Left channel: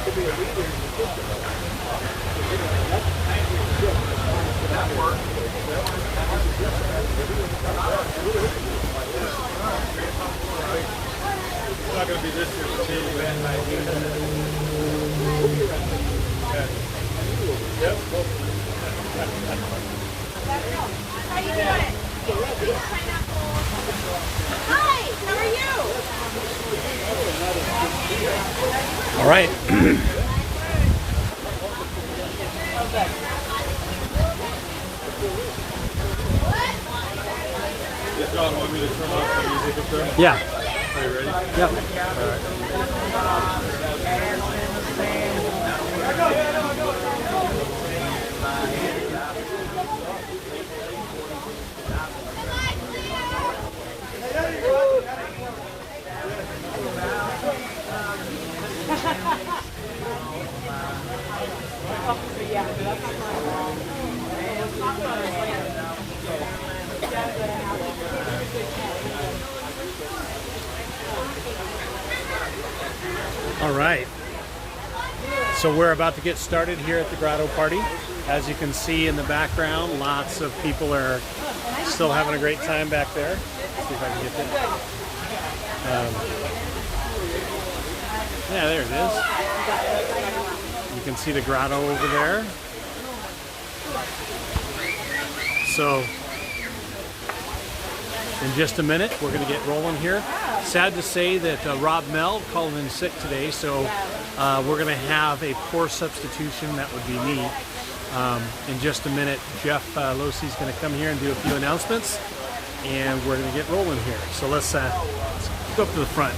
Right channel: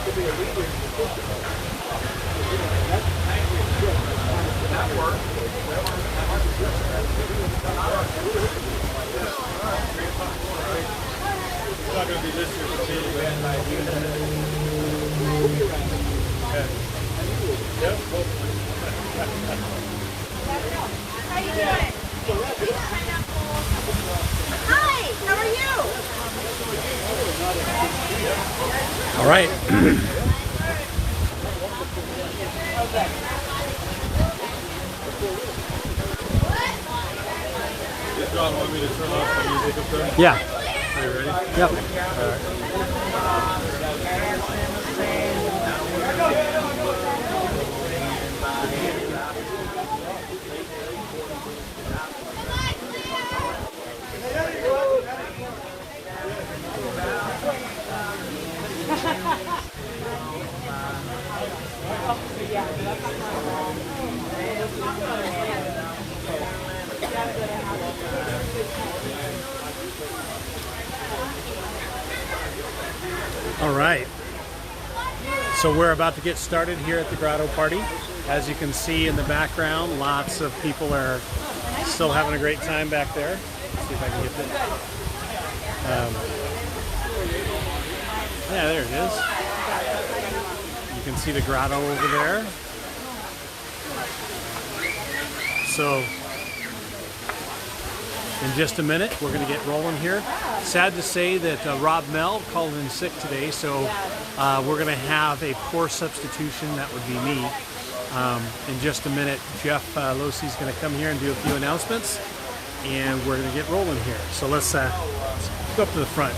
It's not going to be this year. Yep. How you doing? Hi, how are you? All right. John, want me to turn off the music up there? Yeah. Are you ready? Yep. All right. So we're about to get started here at the Grotto party. As you can see in the background, lots of people are still having a great time back there. Let's see if I can get that. Yeah, there it is. You can see the grotto over there. So in just a minute, we're going to get rolling here. Sad to say that Rob Mel called in sick today, so we're going to have a poor substitution. That would be me. In just a minute, Jeff Losey's going to come here and do a few announcements, and we're going to get rolling here. So let's go up to the front.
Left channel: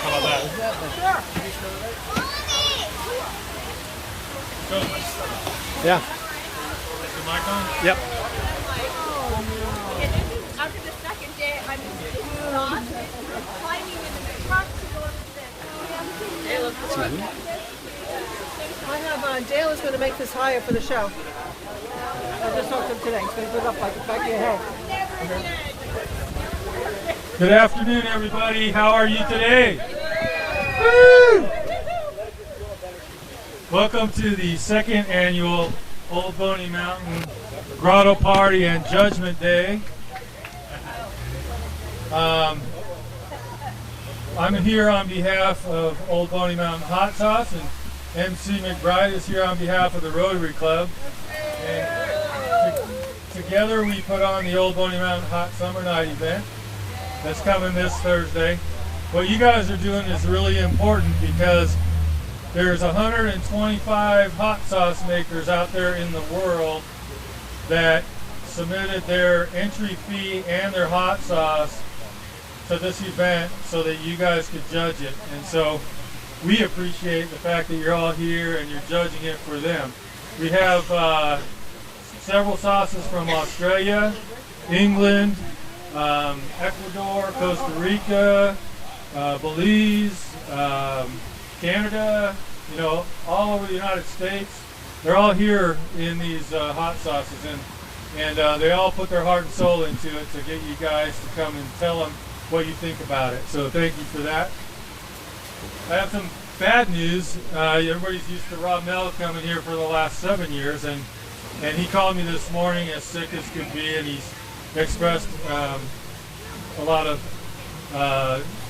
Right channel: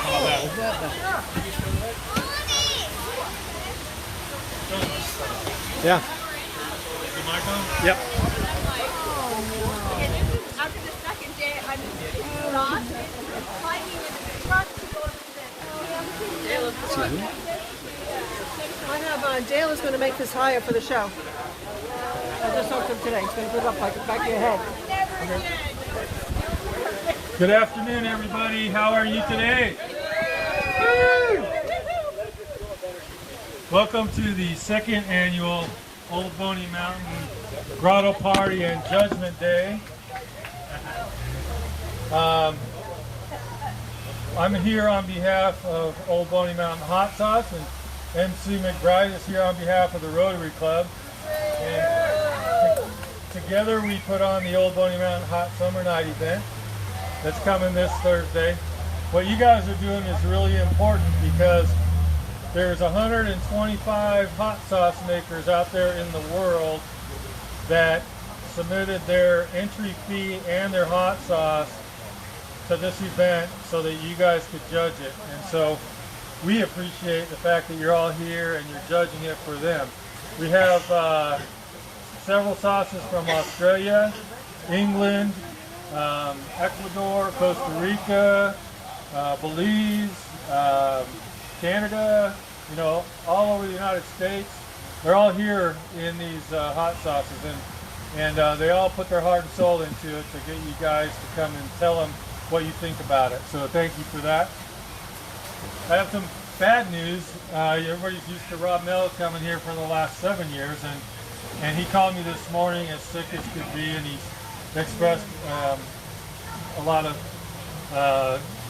How about that? Yeah. Is the mic on? Yep. I have Dale is going to make this higher for the show. I just talked to him today. He's going to put it up like the back of your head. Good afternoon, everybody. How are you today? Woo! Welcome to the second annual Old Boney Mountain Grotto Party and Judgment Day. I'm here on behalf of Old Boney Mountain Hot Sauce, and MC McBride is here on behalf of the Rotary Club. And together we put on the Old Boney Mountain Hot Summer Night event that's coming this Thursday. What you guys are doing is really important because there's 125 hot sauce makers out there in the world that submitted their entry fee and their hot sauce to this event so that you guys could judge it. And so we appreciate the fact that you're all here and you're judging it for them. We have several sauces from Australia, England, Ecuador, Costa Rica, Belize, Canada, you know, all over the United States. They're all here in these hot sauces, and they all put their heart and soul into it to get you guys to come and tell them what you think about it. So thank you for that. I have some bad news. Everybody's used to Rob Mel coming here for the last 7 years, and he called me this morning as sick as could be, and he's expressed a lot of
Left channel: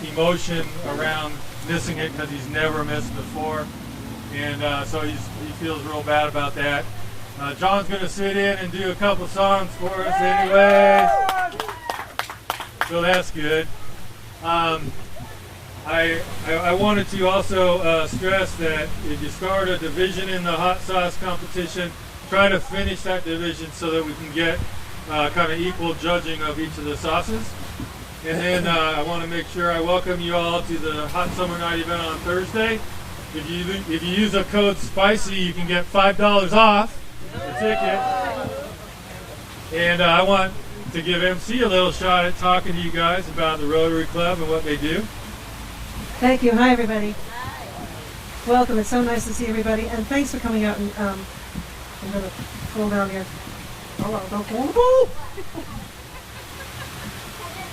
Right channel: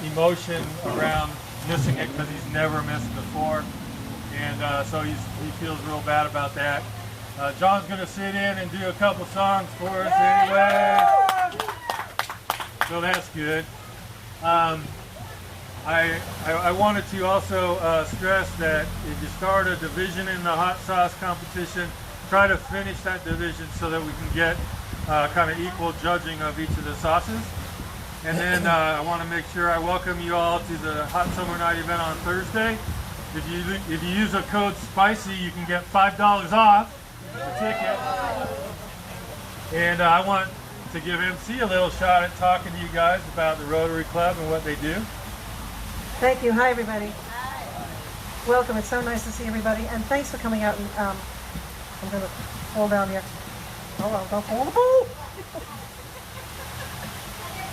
emotion around missing it because he's never missed before, and so he feels real bad about that. John's going to sit in and do a couple songs for us anyways, so that's good. I wanted to also stress that if you start a division in the hot sauce competition, try to finish that division so that we can get kind of equal judging of each of the sauces. And then I want to make sure I welcome you all to the Hot Summer Night event on Thursday. If you use a code SPICY, you can get $5 off the ticket. And I want to give MC a little shot at talking to you guys about the Rotary Club and what they do. Thank you. Hi, everybody. Welcome. It's so nice to see everybody. And thanks for coming out. And I'm going to fall down here. Hold on. Don't fall.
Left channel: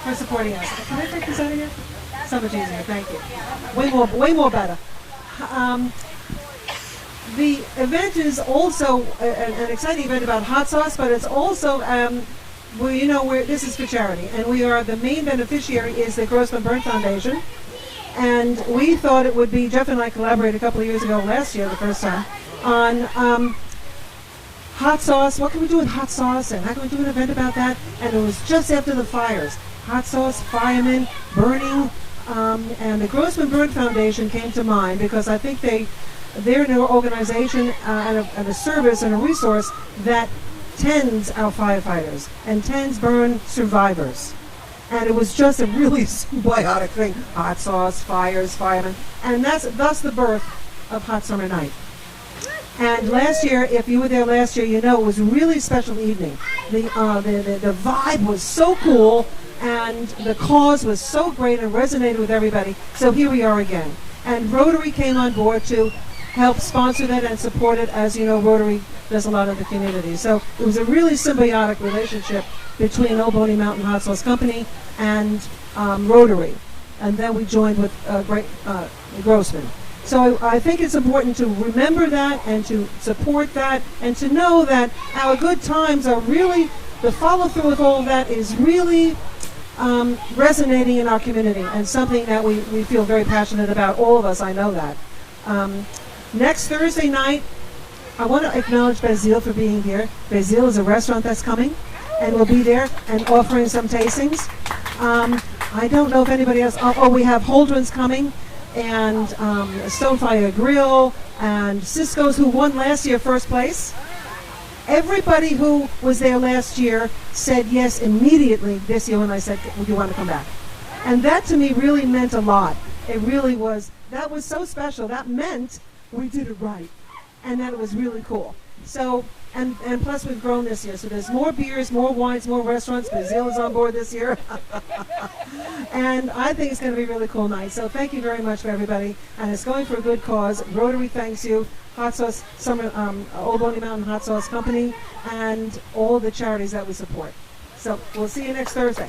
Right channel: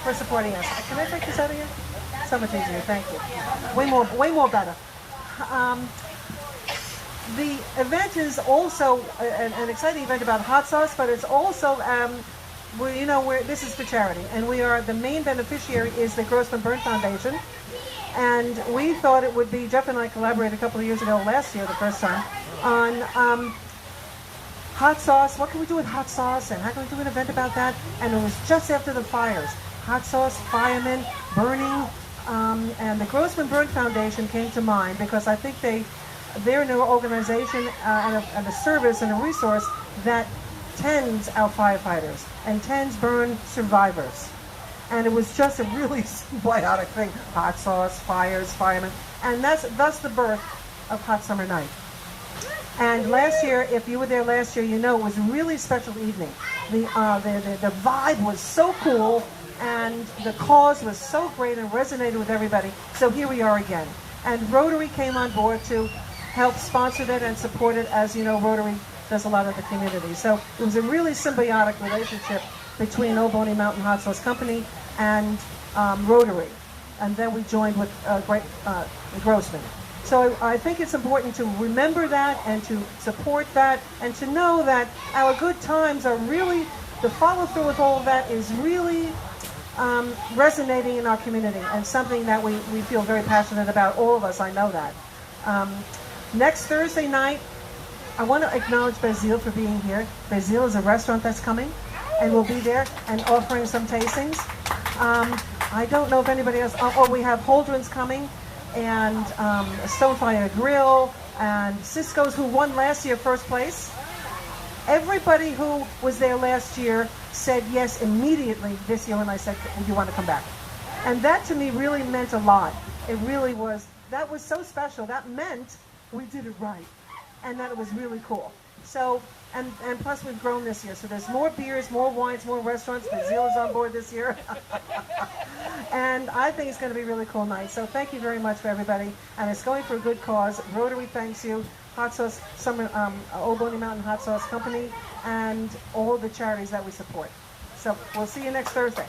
For supporting us. Can I take this out of here? So much easier. Thank you. Way more better. The event is also an exciting event about hot sauce, but it's also this is for charity, and we are the main beneficiary is the Grossman Burn Foundation, and we thought it would be, Jeff and I collaborated a couple of years ago, last year the first time, on hot sauce. What can we do with hot sauce, and how can we do an event about that? And it was just after the fires. Hot sauce, firemen, burning, and the Grossman Burn Foundation came to mind because I think they're an organization and a service and a resource that tends our firefighters and tends burn survivors. And it was just a really symbiotic thing. Hot sauce, fires, firemen. And that's the birth of Hot Summer Night. And last year, if you were there last year, you know it was a really special evening. The vibe was so cool, and the cause was so great and resonated with everybody. So here we are again. And Rotary came on board to help sponsor that and support it. As you know, Rotary does a lot in the community. So it was a really symbiotic relationship between Old Boney Mountain Hot Sauce Company and Rotary. And then we joined with Grossman. So I think it's important to remember that and to support that and to know that our good times are really, the follow-through with all of that is really resonating in our community and something that we feel very passionate about, all of us, I know that. Next Thursday night, I want to acknowledge VII for being here. VII is a restaurant that's coming, and we'll be there and offering some tastings. I don't know if anybody else, we have Holdren's coming, and Stonefire Grill, and Cisco's, who won last year first place. Everybody who was there last year said yes immediately this year when I said, "Do you want to come back?" And that to me really meant a lot. It really was. That was so special. That meant we did it right, and that it was really cool. So, and plus we've grown this year. So there's more beers, more wines, more restaurants. VII is on board this year. And I think it's going to be a really cool night. So thank you very much for everybody. And it's going for a good cause. Rotary thanks you. Hot Sauce, Old Boney Mountain Hot Sauce Company, and all the charities that we support. So we'll see you next Thursday.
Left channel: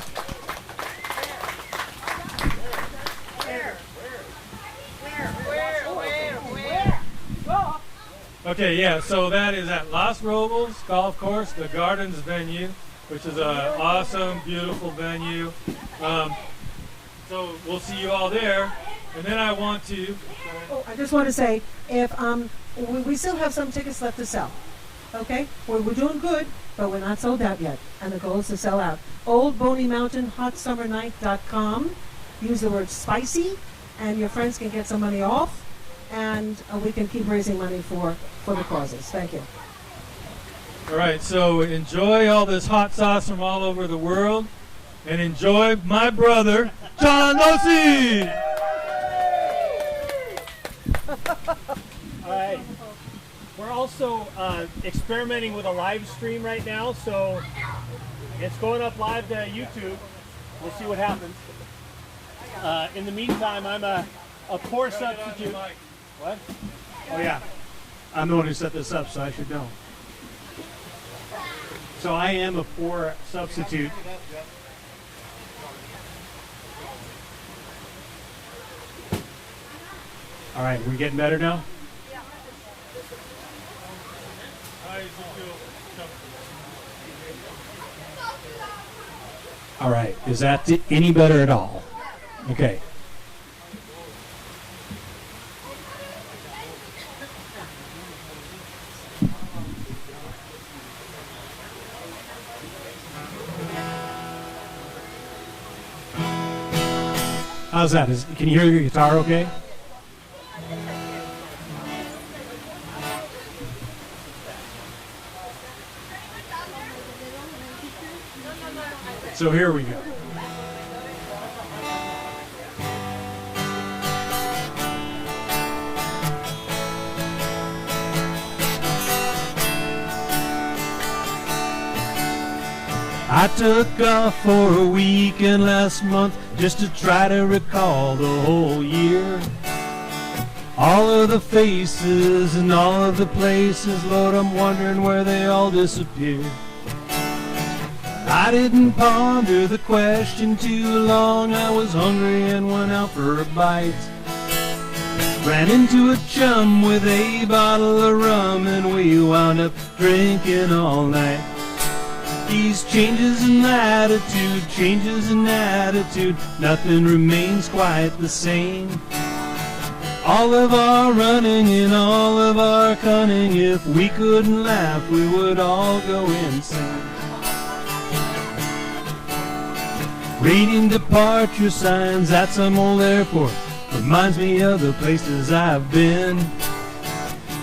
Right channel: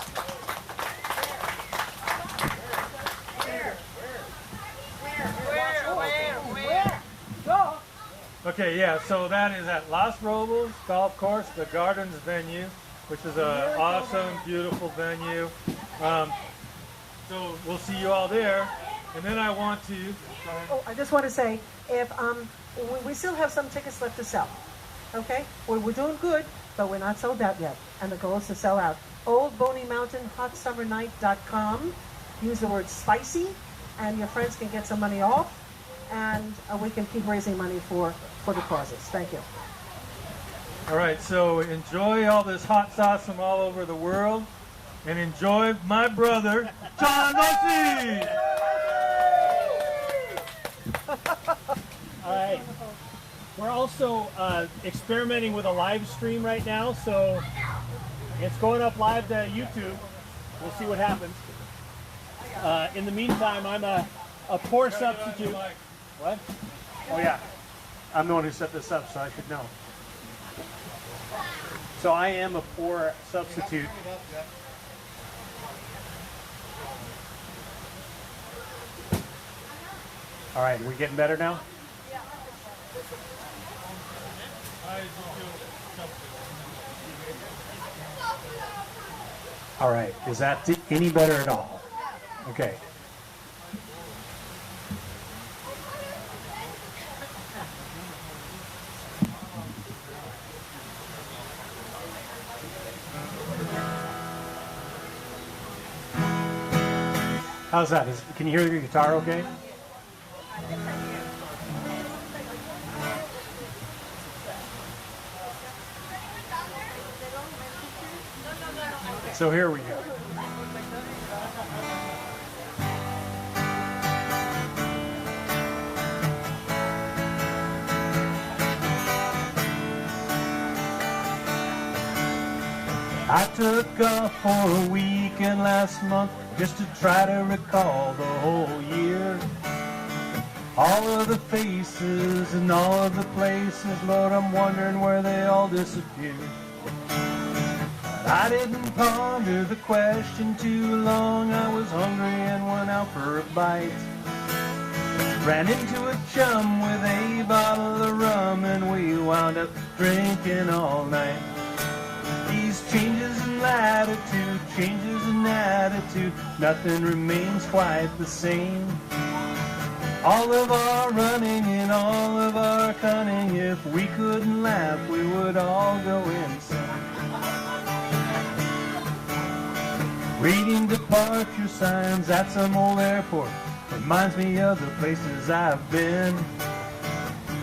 Okay, yeah, so that is at Los Robles Golf Course, the Gardens venue, which is an awesome, beautiful venue. So we'll see you all there. And then I want to... I just want to say, if we still have some tickets left to sell, okay? We're doing good, but we're not sold out yet, and the goal is to sell out. Old Boney Mountain HotSummerNight.com. Use the word SPICY, and your friends can get some money off, and we can keep raising money for the causes. Thank you. All right, so enjoy all this hot sauce from all over the world, and enjoy my brother, John Losi! All right. We're also experimenting with a live stream right now, so it's going up live to YouTube. We'll see what happens. In the meantime, I'm a poor substitute. What? Oh yeah, I'm the one who set this up, so I should know. So I am a poor substitute. All right, we getting better now? All right, is that any better at all? Okay. How's that? Can you hear your guitar okay? So here we go. I took off for a weekend last month just to try to recall the whole year. All of the faces and all of the places, Lord, I'm wondering where they all disappeared. I didn't ponder the question too long. I was hungry and went out for a bite. Ran into a chum with a bottle of rum and we wound up drinking all night. These changes in attitude, nothing remains quite the same. All of our running and all of our cunning, if we couldn't laugh, we would all go insane. Reading departure signs at some old airport reminds me of the places I've been.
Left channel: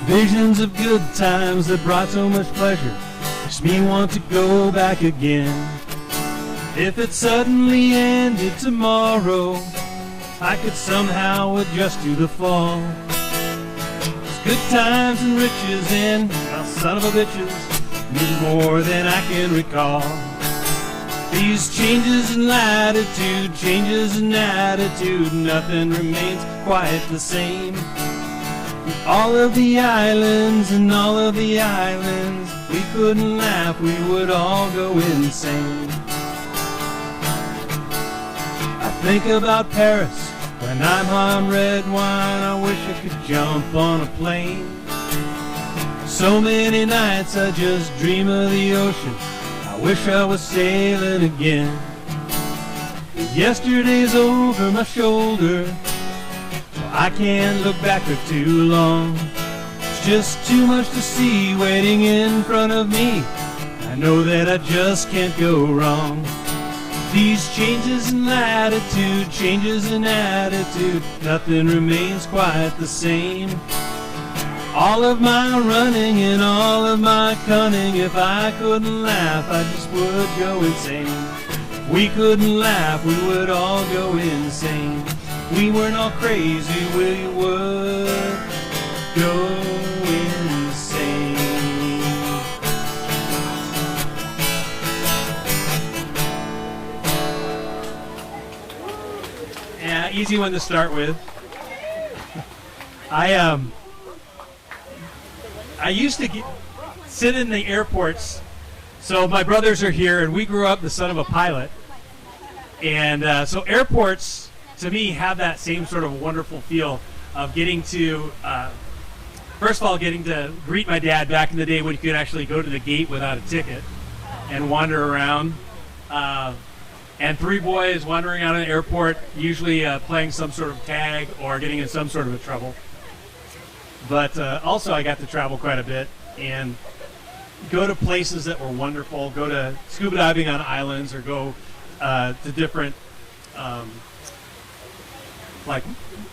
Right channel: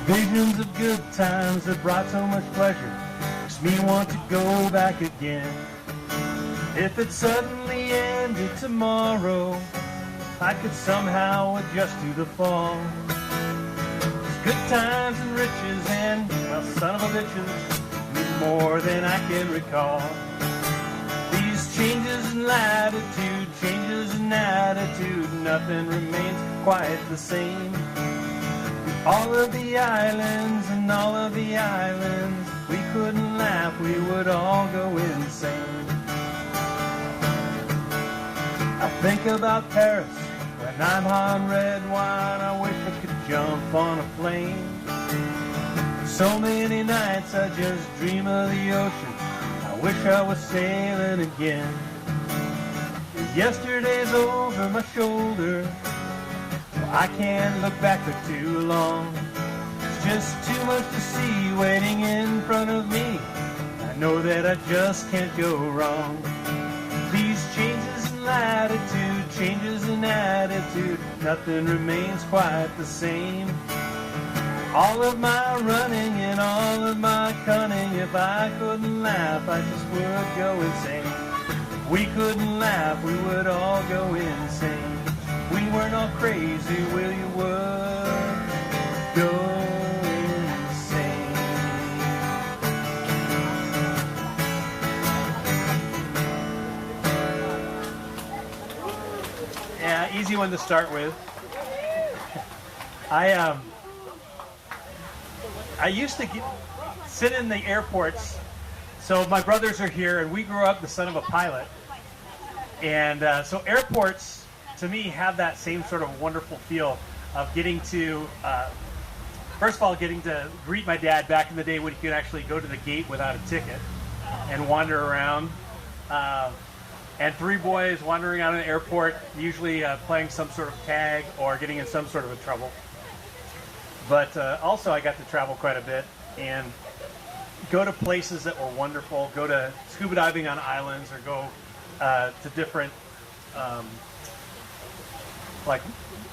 Visions of good times that brought so much pleasure makes me want to go back again. If it suddenly ended tomorrow, I could somehow adjust to the fall. It's good times and riches and, well, son of a bitches, need more than I can recall. These changes in attitude, nothing remains quite the same. All of the islands and all of the islands, we couldn't laugh, we would all go insane. I think about Paris when I'm on red wine. I wish I could jump on a plane. So many nights I just dream of the ocean. I wish I was sailing again. Yesterday's over my shoulder, I can't look back for too long. It's just too much to see waiting in front of me. I know that I just can't go wrong. These changes in attitude, nothing remains quite the same. All of my running and all of my cunning, if I couldn't laugh, I just would go insane. If we couldn't laugh, we would all go insane. We weren't all crazy, we would go insane. Yeah, easy one to start with. I used to sit in the airports. So my brothers are here, and we grew up the son of a pilot. And so airports, to me, have that same sort of wonderful feel of getting to, first of all, getting to greet my dad back in the day when you could actually go to the gate without a ticket and wander around. And three boys wandering out of the airport, usually playing some sort of tag or getting in some sort of trouble. But also I got to travel quite a bit and go to places that were wonderful, go to scuba diving on islands or go to different, like,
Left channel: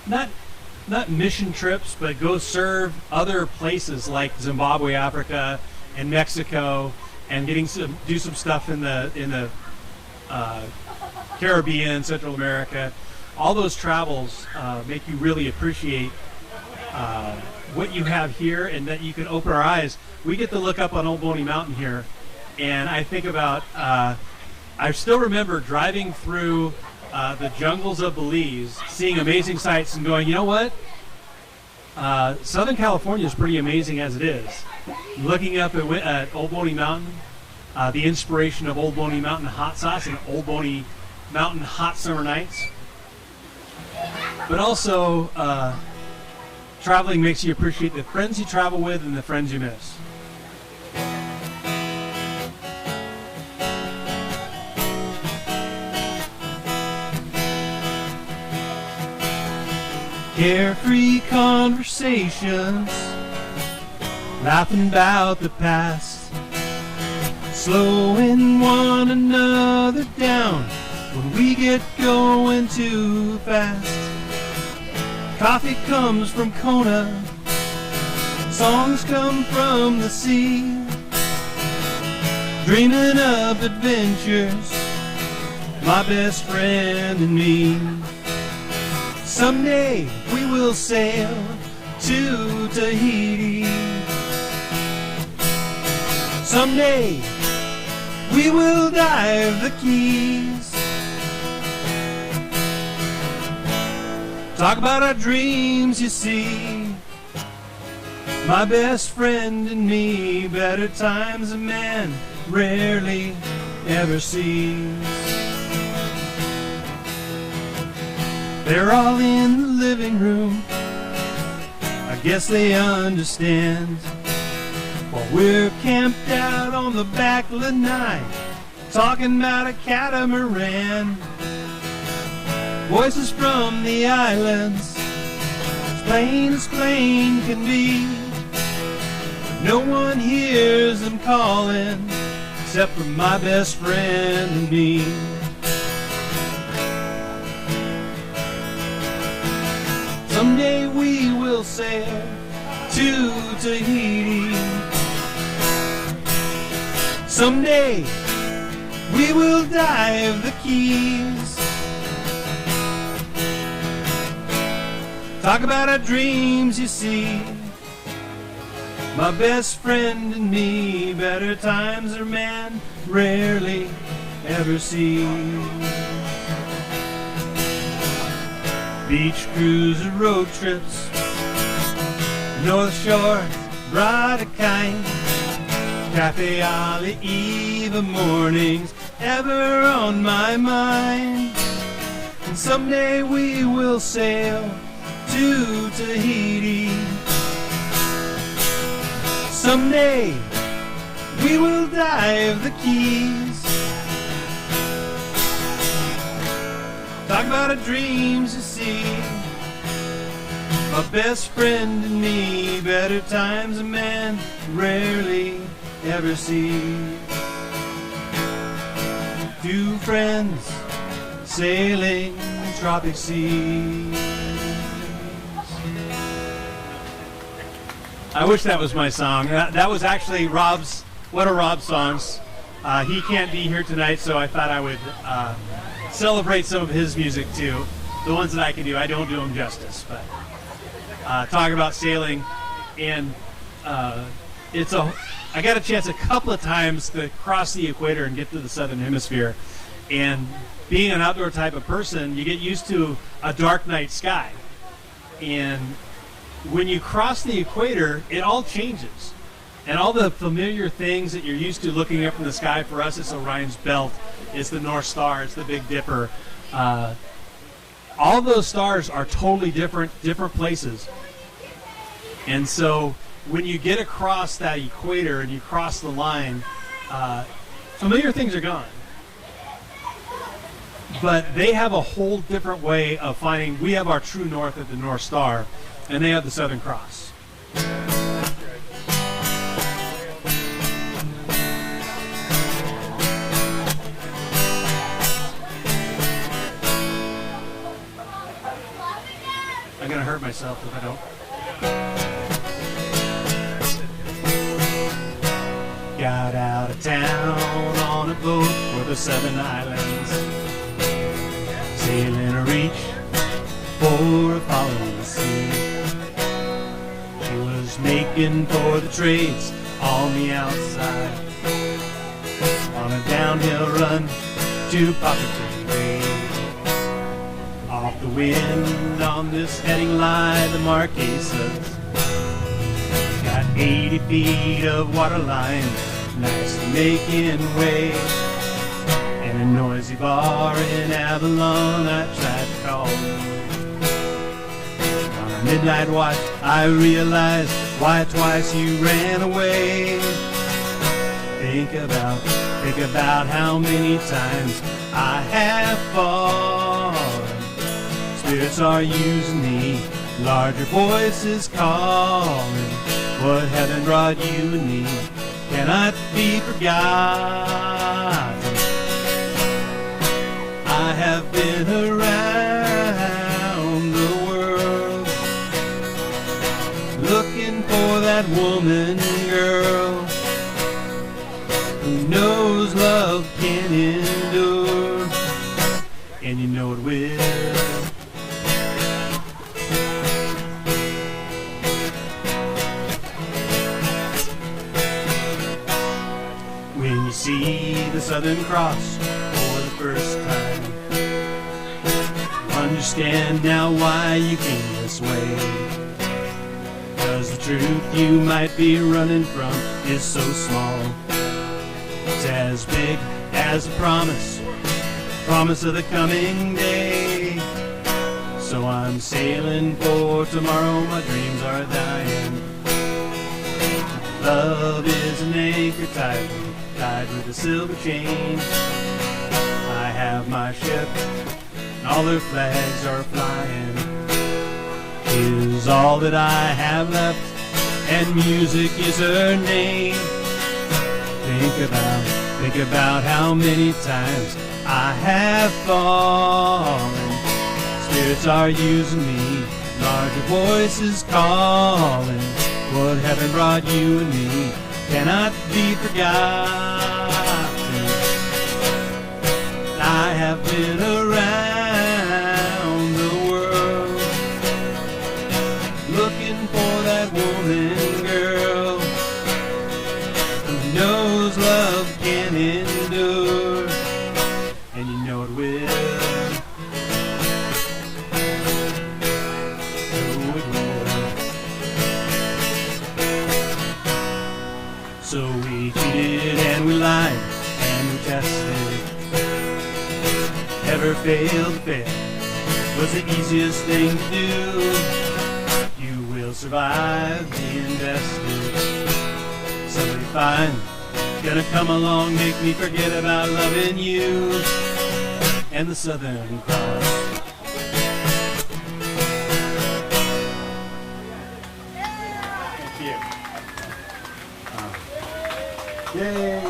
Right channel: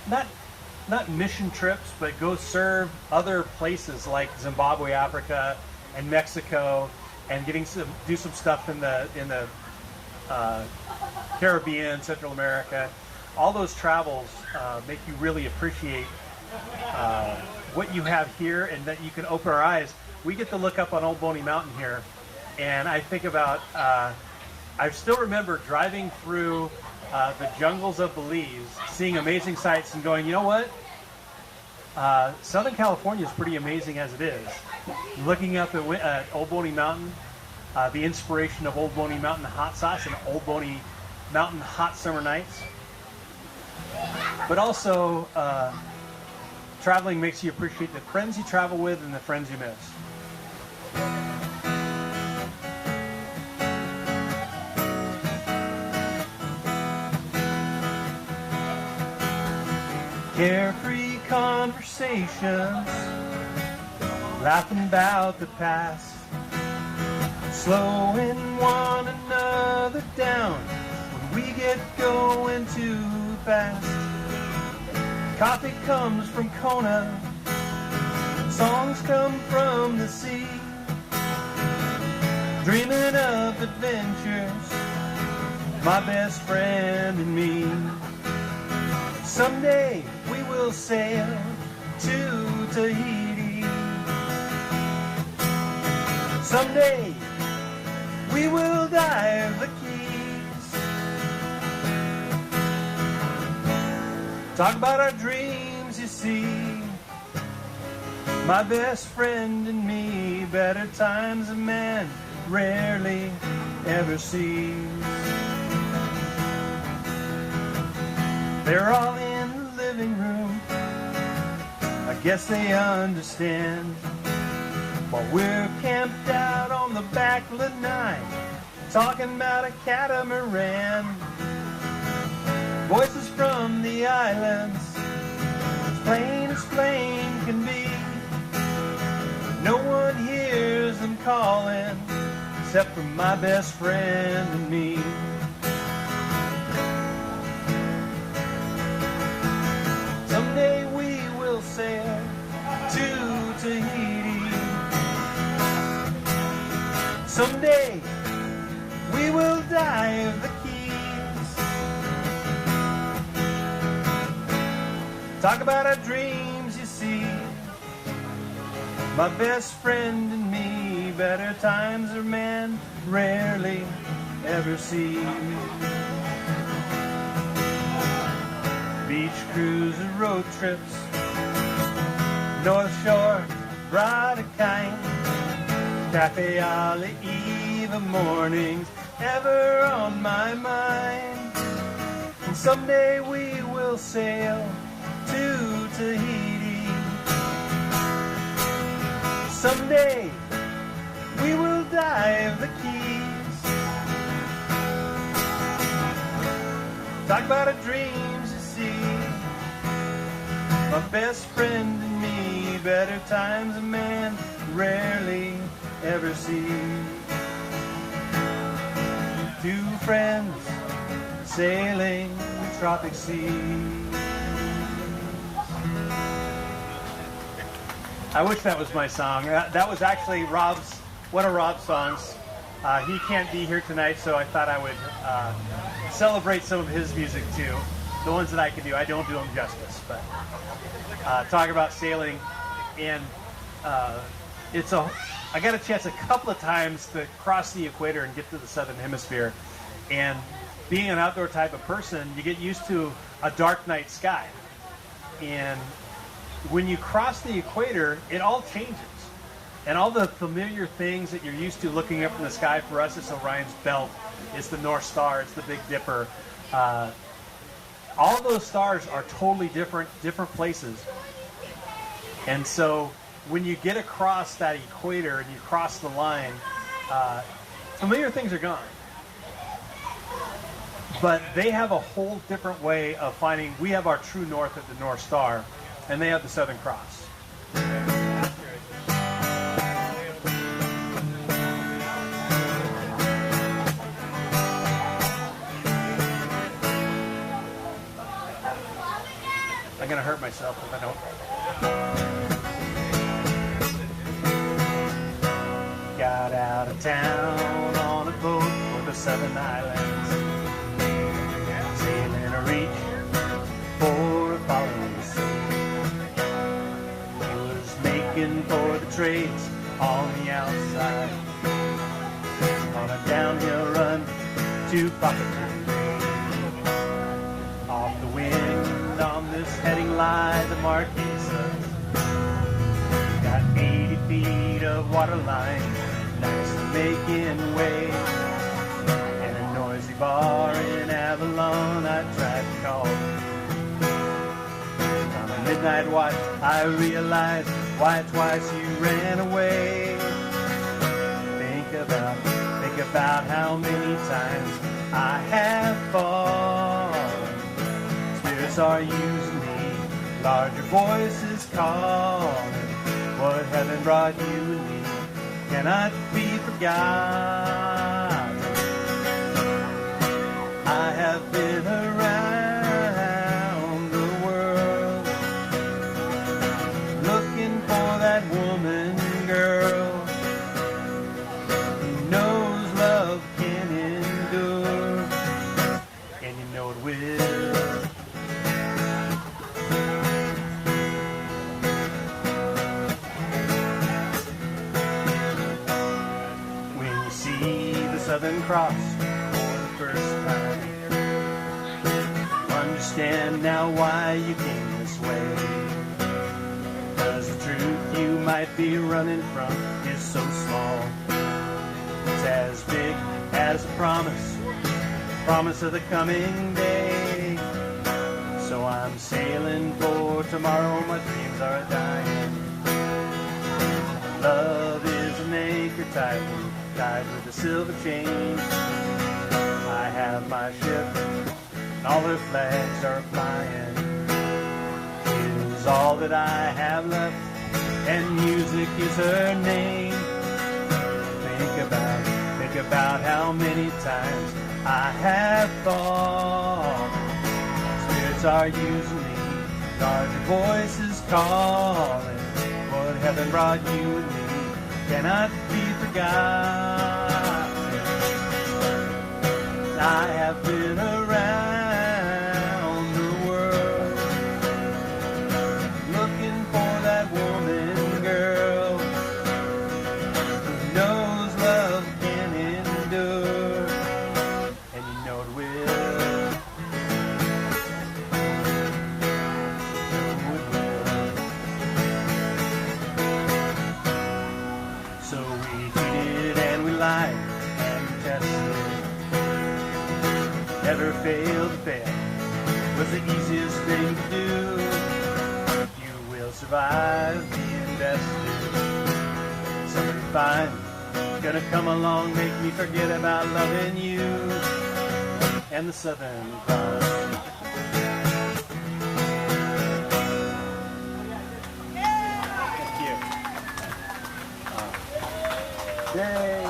not mission trips, but go serve other places like Zimbabwe, Africa, and Mexico, and getting to do some stuff in the Caribbean, Central America. All those travels make you really appreciate what you have here, and that you can open our eyes. We get to look up on Old Boney Mountain here, and I think about, I still remember driving through the jungles of Belize, seeing amazing sights and going, you know what? Southern California is pretty amazing as it is. Looking up at Old Boney Mountain, the inspiration of Old Boney Mountain hot sauce and Old Boney Mountain hot summer nights. But also, traveling makes you appreciate the friends you travel with and the friends you miss. Carefree conversations, laughing about the past, slowing one another down when we get going too fast. Coffee comes from Kona, songs come from the sea, dreaming of adventures my best friend and me. Someday we will sail to Tahiti. Someday we will dive the Keys. Talk about our dreams, you see. My best friend and me, better times a man rarely ever sees. They're all in the living room, I guess they understand, while we're camped out on the back lanai, talking about a catamaran. Voices from the islands, as plain can be. No one hears them calling, except for my best friend and me. Someday we will sail to Tahiti. Someday we will dive the Keys. Talk about our dreams, you see. My best friend and me, better times a man rarely ever sees. Beach cruise or road trips, North Shore, brought a kite, Cafe Ala Eva mornings ever on my mind. And someday we will sail to Tahiti. Someday we will dive the Keys. Talk about our dreams, you see. My best friend and me, better times a man rarely ever sees. Two friends sailing the tropic seas. I wish that was my song. That was actually Rob's, one of Rob's songs. He can't be here tonight, so I thought I would celebrate some of his music too. The ones that I can do. I don't do them justice, but talking about sailing, and I got a chance a couple of times to cross the equator and get to the southern hemisphere. And being an outdoor type of person, you get used to a dark night sky. And when you cross the equator, it all changes. And all the familiar things that you're used to looking up in the sky, for us it's Orion's Belt, it's the North Star, it's the Big Dipper. All those stars are totally different places. And so when you get across that equator and you cross the line, familiar things are gone. But they have a whole different way of finding. We have our true north at the North Star, and they have the Southern Cross. I'm gonna hurt myself if I don't. Got out of town on a boat for the Southern Islands, sailing a reach for a following sea. He was making for the trades on the outside, on a downhill run to Pocketon Bay. Off the wind on this heading line, the Marquesas got 80 feet of water line, nice making way. And a noisy bar in Avalon I tried to call. On a midnight watch I realized why twice you ran away. Think about how many times I have fallen. Spirits are using me, larger voices calling. What heaven brought you and me cannot be forgotten. I have been around the world, looking for that woman, girl, who knows love can endure. Southern Cross for the first time. Understand now why you came this way. 'Cause the truth you might be running from is so small. It's as big as a promise of the coming day. So I'm sailing for tomorrow, my dreams are dying. Love is an anchor tied with a silver chain. I have my ship, and all their flags are flying. Is all that I have left, and music is her name. Think about how many times I have fallen. Spirits are using me, larger voices calling. What heaven brought you and me cannot be forgotten. I have been around the world looking for that woman, girl, who knows love can endure, and you know it will. So we cheated and we lied and we tested. Never failed, was the easiest thing to do. You will survive being tested. Somebody fine gonna come along, make me forget about loving you and the Southern Cross. Yay!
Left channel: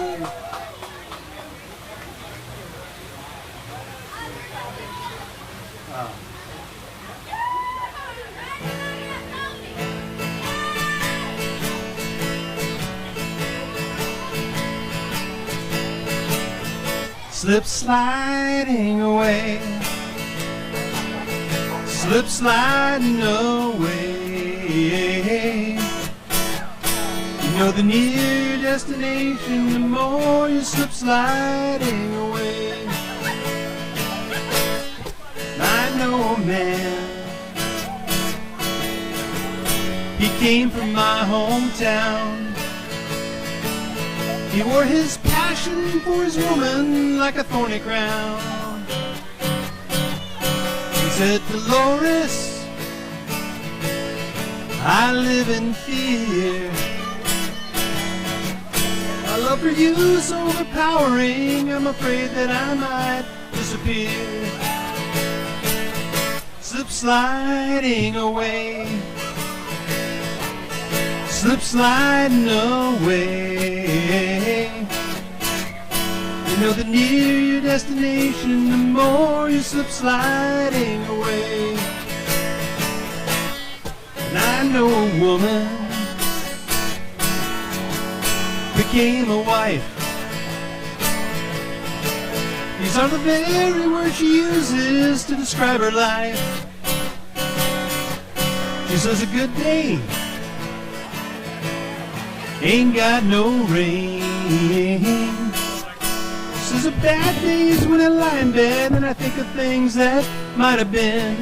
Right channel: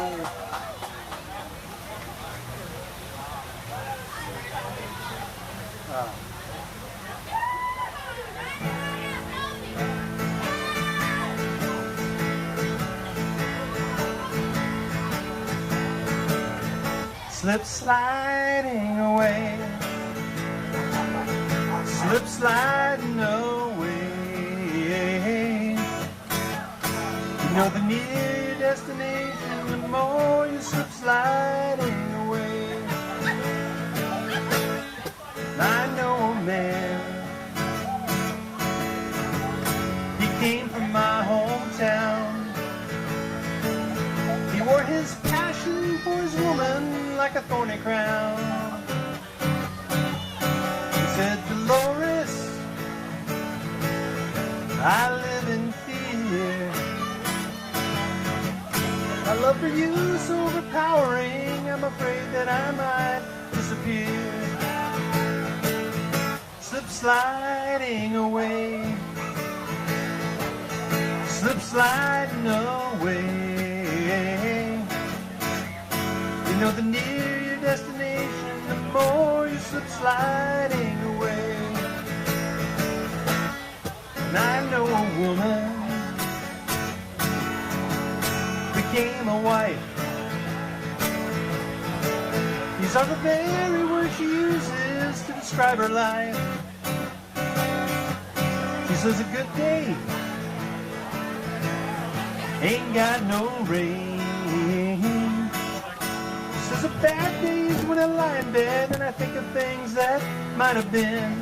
Slip sliding away, slip sliding away. You know the near destination, the more you slip sliding away. I know a man, he came from my hometown. He wore his passion for his woman like a thorny crown. He said, Dolores, I live in fear. My love for you is so overpowering, I'm afraid that I might disappear. Slip sliding away, slip sliding away. You know the nearer your destination, the more you slip sliding away. And I know a woman became a wife. These are the very words she uses to describe her life. She says a good day ain't got no rain. Says a bad day's when I lie in bed and I think of things that might have been.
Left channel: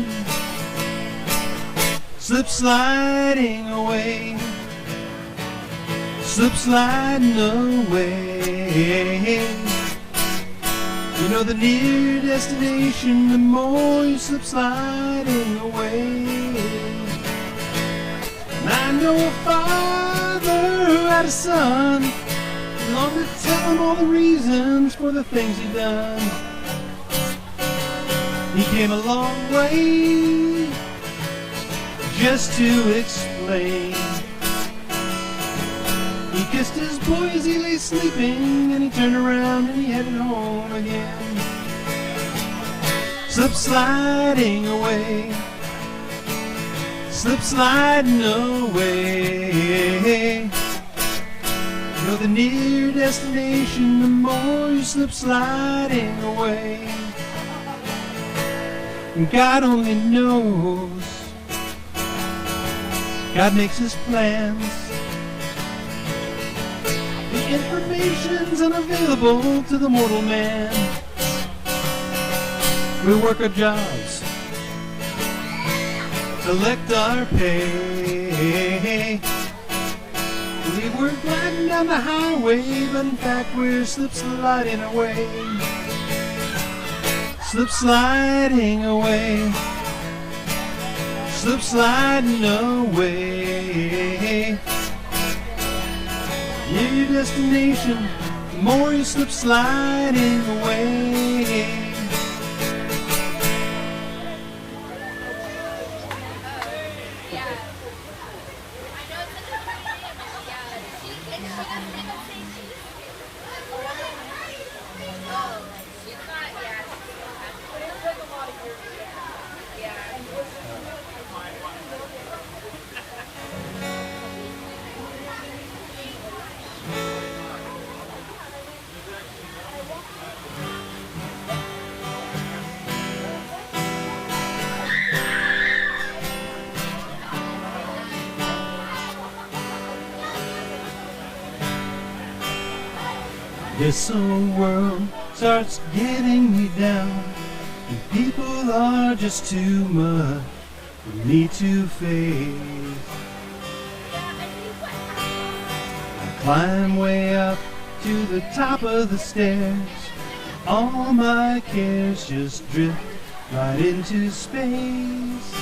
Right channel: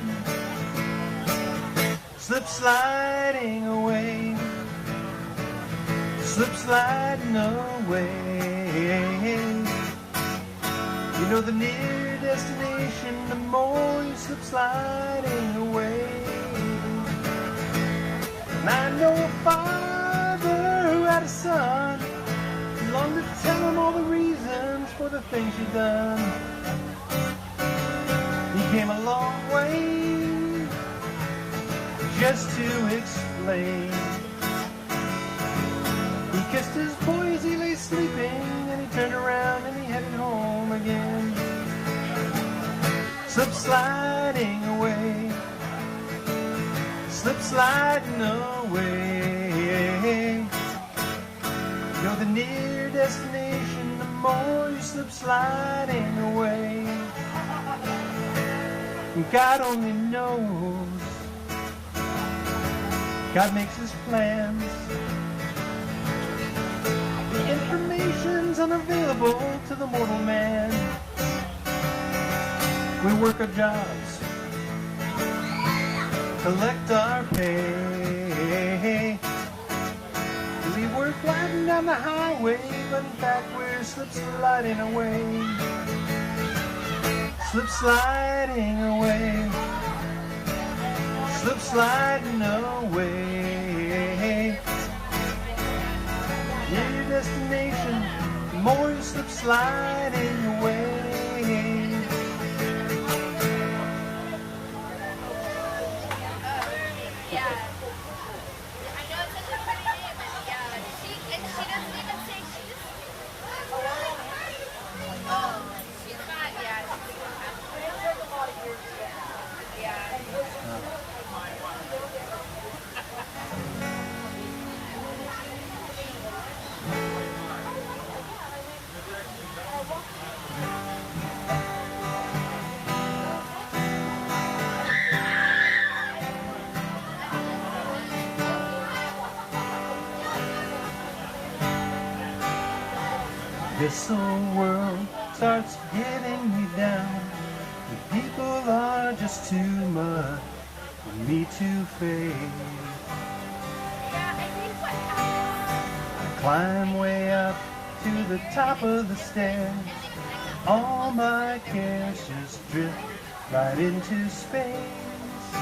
Slip sliding away, slip sliding away. You know the nearer destination, the more you slip sliding away. And I know a father who had a son, longed to tell him all the reasons for the things he'd done. He came a long way just to explain. He kissed his boy as he lay sleeping, and he turned around and he headed home again. Slip sliding away, slip sliding away. You know the nearer destination, the more you slip sliding away. And God only knows, God makes his plans. He Information's unavailable to the mortal man. We work our jobs, collect our pay. We work riding down the highway, but in fact we're slip sliding away. Slip sliding away. Slip sliding away. Near your destination, the more you slip sliding away. This old world starts getting me down, and people are just too much for me to face. I climb way up to the top of the stairs, all my cares just drift right into space.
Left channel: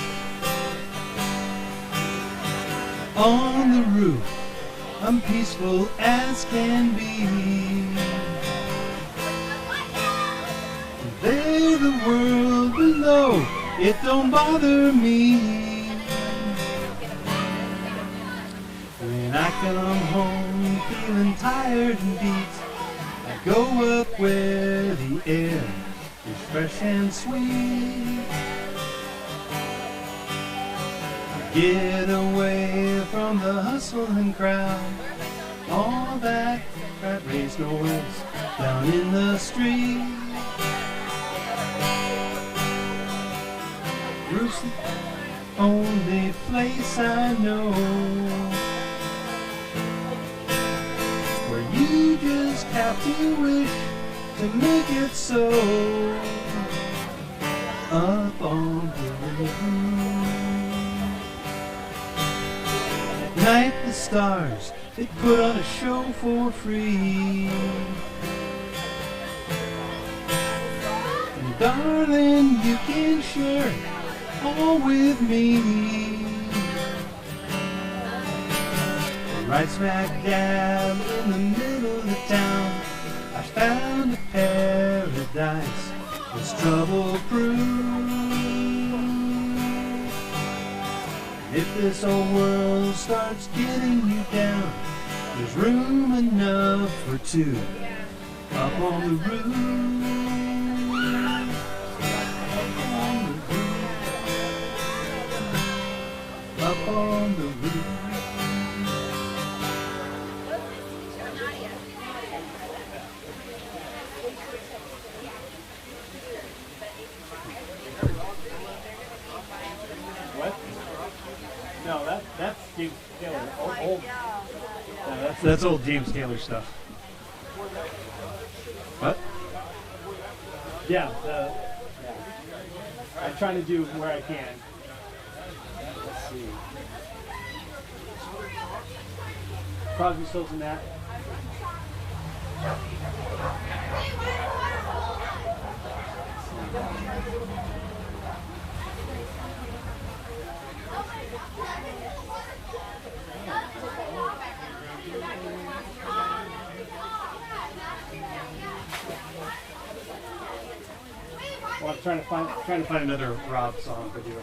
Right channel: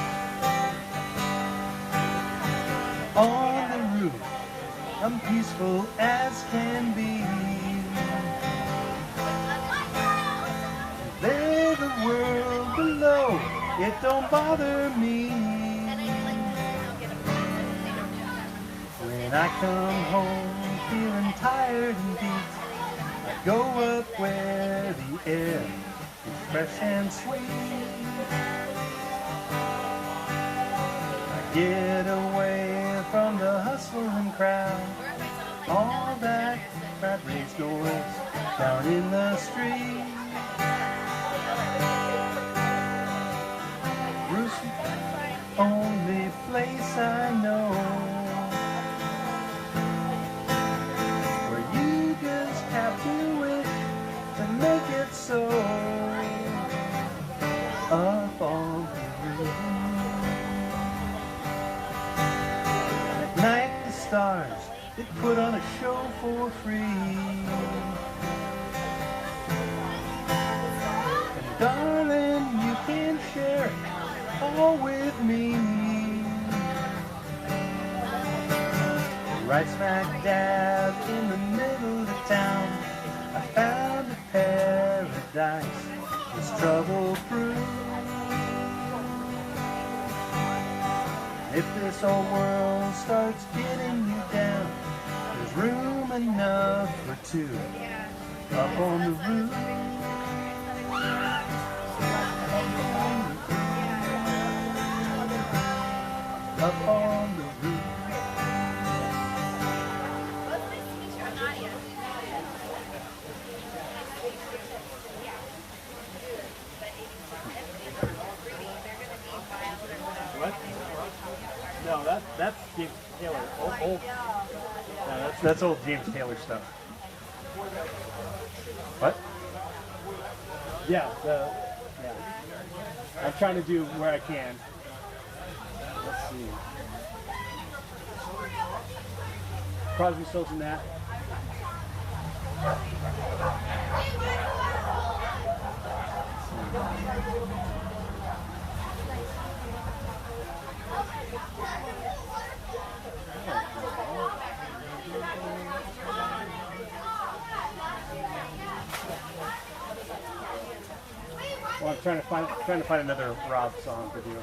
On the roof, I'm peaceful as can be. There's the world below, it don't bother me. When I come home feeling tired and beat, I go up where the air is fresh and sweet. I get away from the hustle and crowd, all that rat race noise down in the street. Bruce, the only place I know where you just have to wish to make it so. Up on the roof. At night the stars, they put on a show for free. And darling, you can share all with me. Right smack dab in the middle of town, I found a paradise that's trouble-proof. If this old world starts getting you down, there's room enough for two up on the roof. Up on the roof. What? No, that's James Taylor. Old. No, that's old James Taylor stuff. What? Yeah, I'm trying to do where I can. Let's see. Crosby, Stills, and that. Well, I'm trying to find another Rob song for you.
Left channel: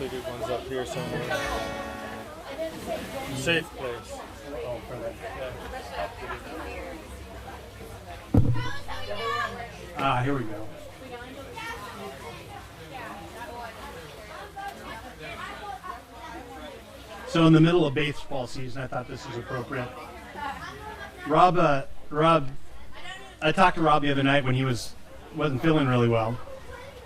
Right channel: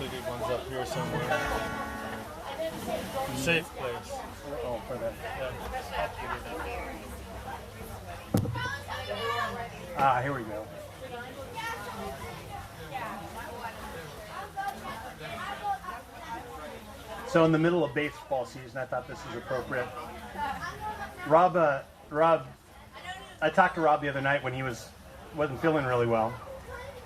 Completed ones up here somewhere. Safe place. Oh, for that. Yeah. Here we go. So in the middle of baseball season, I thought this was appropriate. Rob, I talked to Rob the other night when he wasn't feeling really well,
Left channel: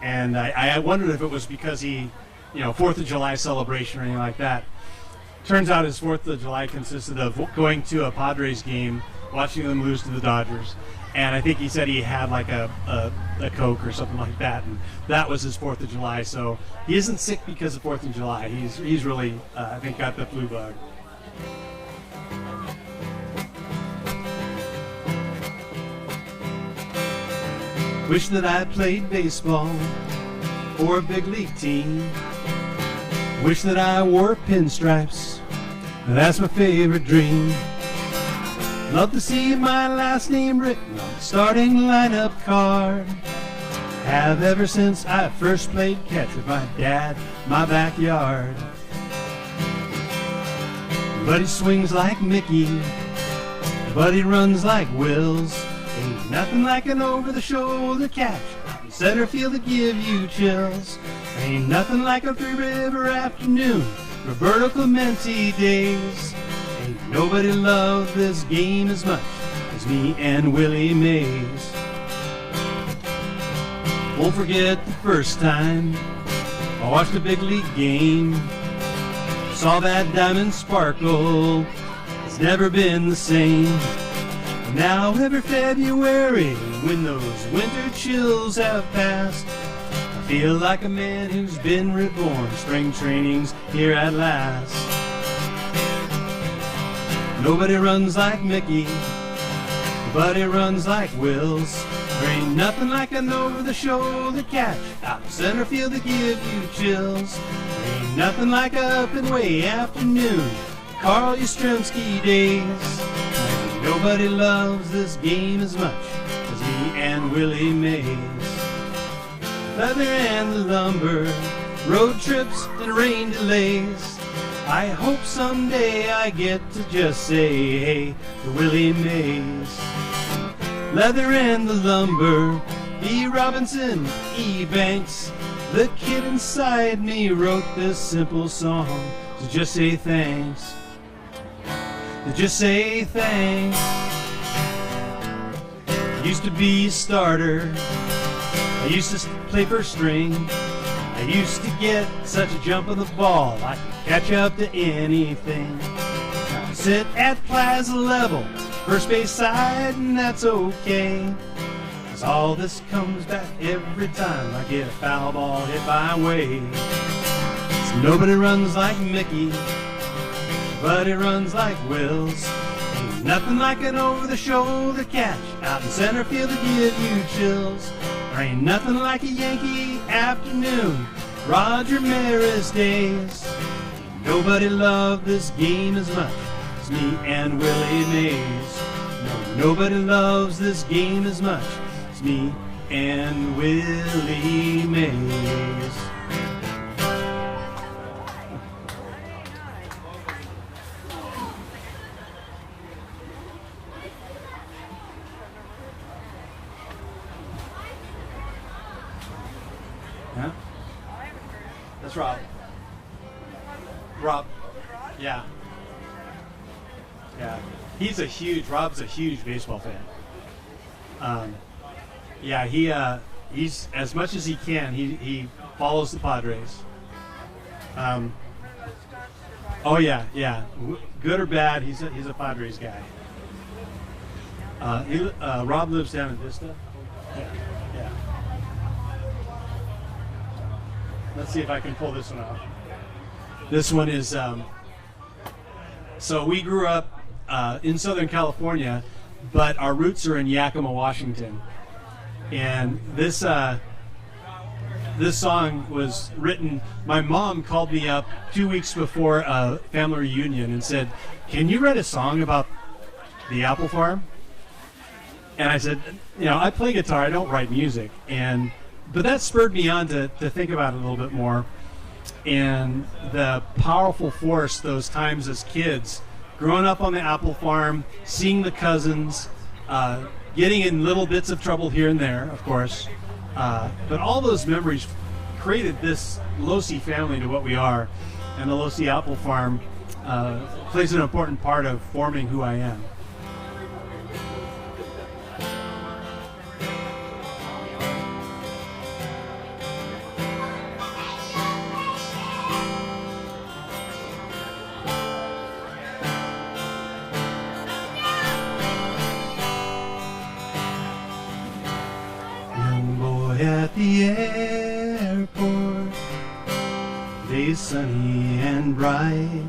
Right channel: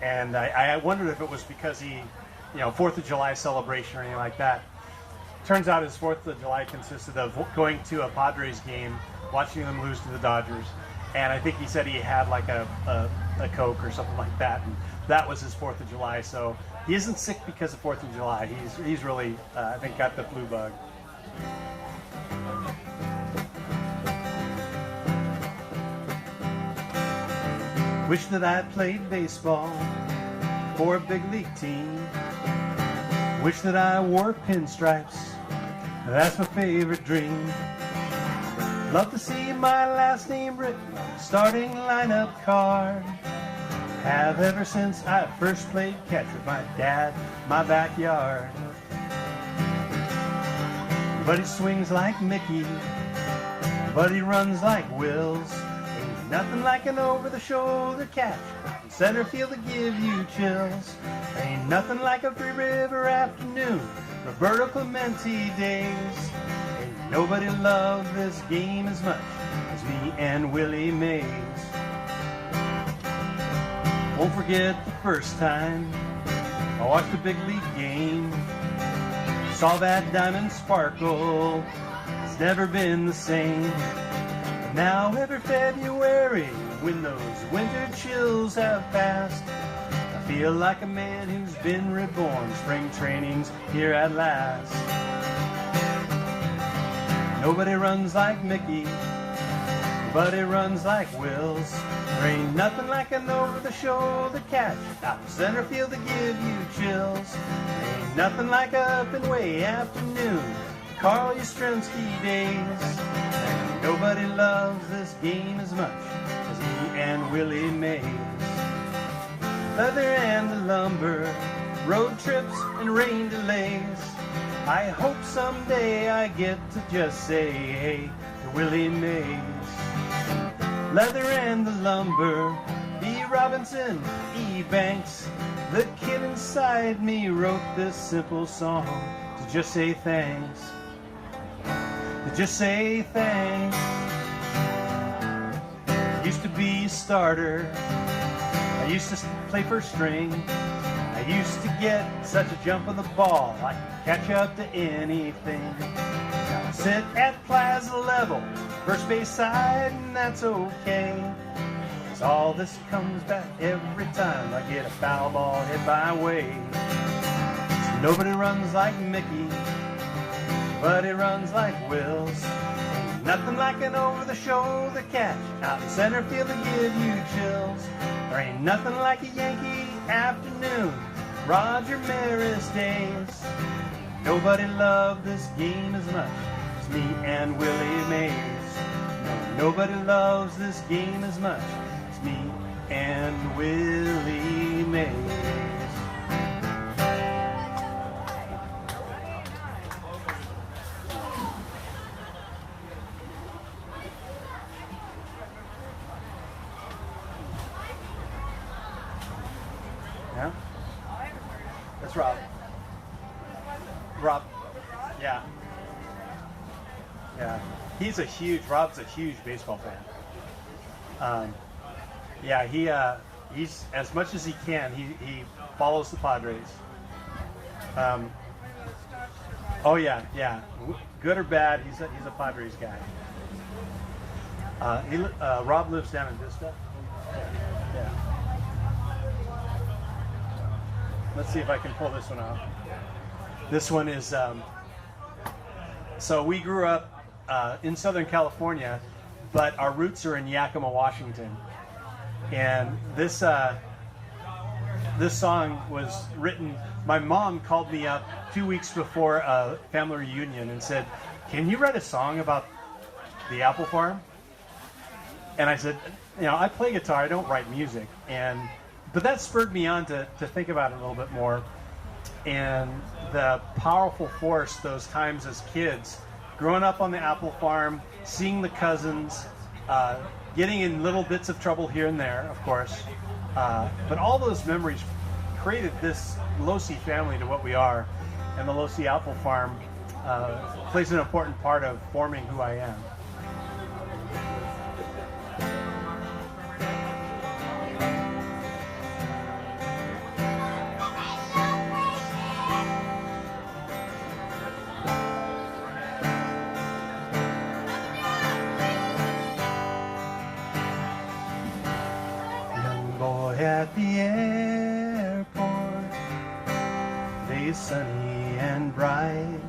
and I wondered if it was because he, 4th of July celebration or anything like that. Turns out his 4th of July consisted of going to a Padres game, watching them lose to the Dodgers, and I think he said he had like a Coke or something like that, and that was his 4th of July. So he isn't sick because of 4th of July. He's really, I think, got the flu bug. Wish that I played baseball for a big league team. Wish that I wore pinstripes. That's my favorite dream. Love to see my last name written on the starting lineup card. Have ever since I first played catch with my dad in my backyard. But he swings like Mickey, but he runs like Wills. Ain't nothing like an over-the-shoulder catch in center field to give you chills. Ain't nothing like a three-river afternoon, Roberto Clemente days. Ain't nobody loved this game as much as me and Willie Mays. Won't forget the first time I watched a big league game. Saw that diamond sparkle, it's never been the same. Now every February, when those winter chills have passed, I feel like a man who's been reborn. Spring training's here at last. Nobody runs like Mickey, nobody runs like Wills. There ain't nothing like an over-the-shoulder catch out in center field to give you chills. There ain't nothing like a up and way afternoon, Carl Yastrzemski days. Nobody loves this game as much as me and Willie Mays. Leather and the lumber, road trips and rain delays. I hope someday I get to just say hey to Willie Mays. Leather and the lumber, E. Robinson, E. Banks. The kid inside me wrote this simple song to just say thanks. To just say thanks. Used to be a starter, I used to play first string. I used to get such a jump of the ball, I could catch up to anything. Now I sit at plaza level, first base side, and that's okay. 'Cause all this comes back every time I get a foul ball hit my way. So nobody runs like Mickey, but he runs like Wills. Ain't nothing like an over-the-shoulder catch out in center field to give you chills. There ain't nothing like a Yankee afternoon, Roger Maris days. Nobody loved this game as much as me and Willie Mays. No, nobody loves this game as much as me and Willie Mays. Yeah? That's Rob. Rob. Yeah. Yeah. Rob's a huge baseball fan. Yeah, he's, as much as he can, he follows the Padres. Oh yeah. Good or bad, he's a Padres guy. Rob lives down in Vista. Yeah. Let's see if I can pull this one off. This one is, so we grew up in Southern California, but our roots are in Yakima, Washington. And this song was written, my mom called me up 2 weeks before a family reunion and said, can you write a song about the apple farm? And I said, I play guitar, I don't write music. But that spurred me on to think about it a little bit more, and the powerful force those times as kids, growing up on the apple farm, seeing the cousins, getting in little bits of trouble here and there, of course. But all those memories created this Losi family to what we are. And the Losi Apple Farm plays an important part of forming who I am. Young boy at the airport, days sunny and bright,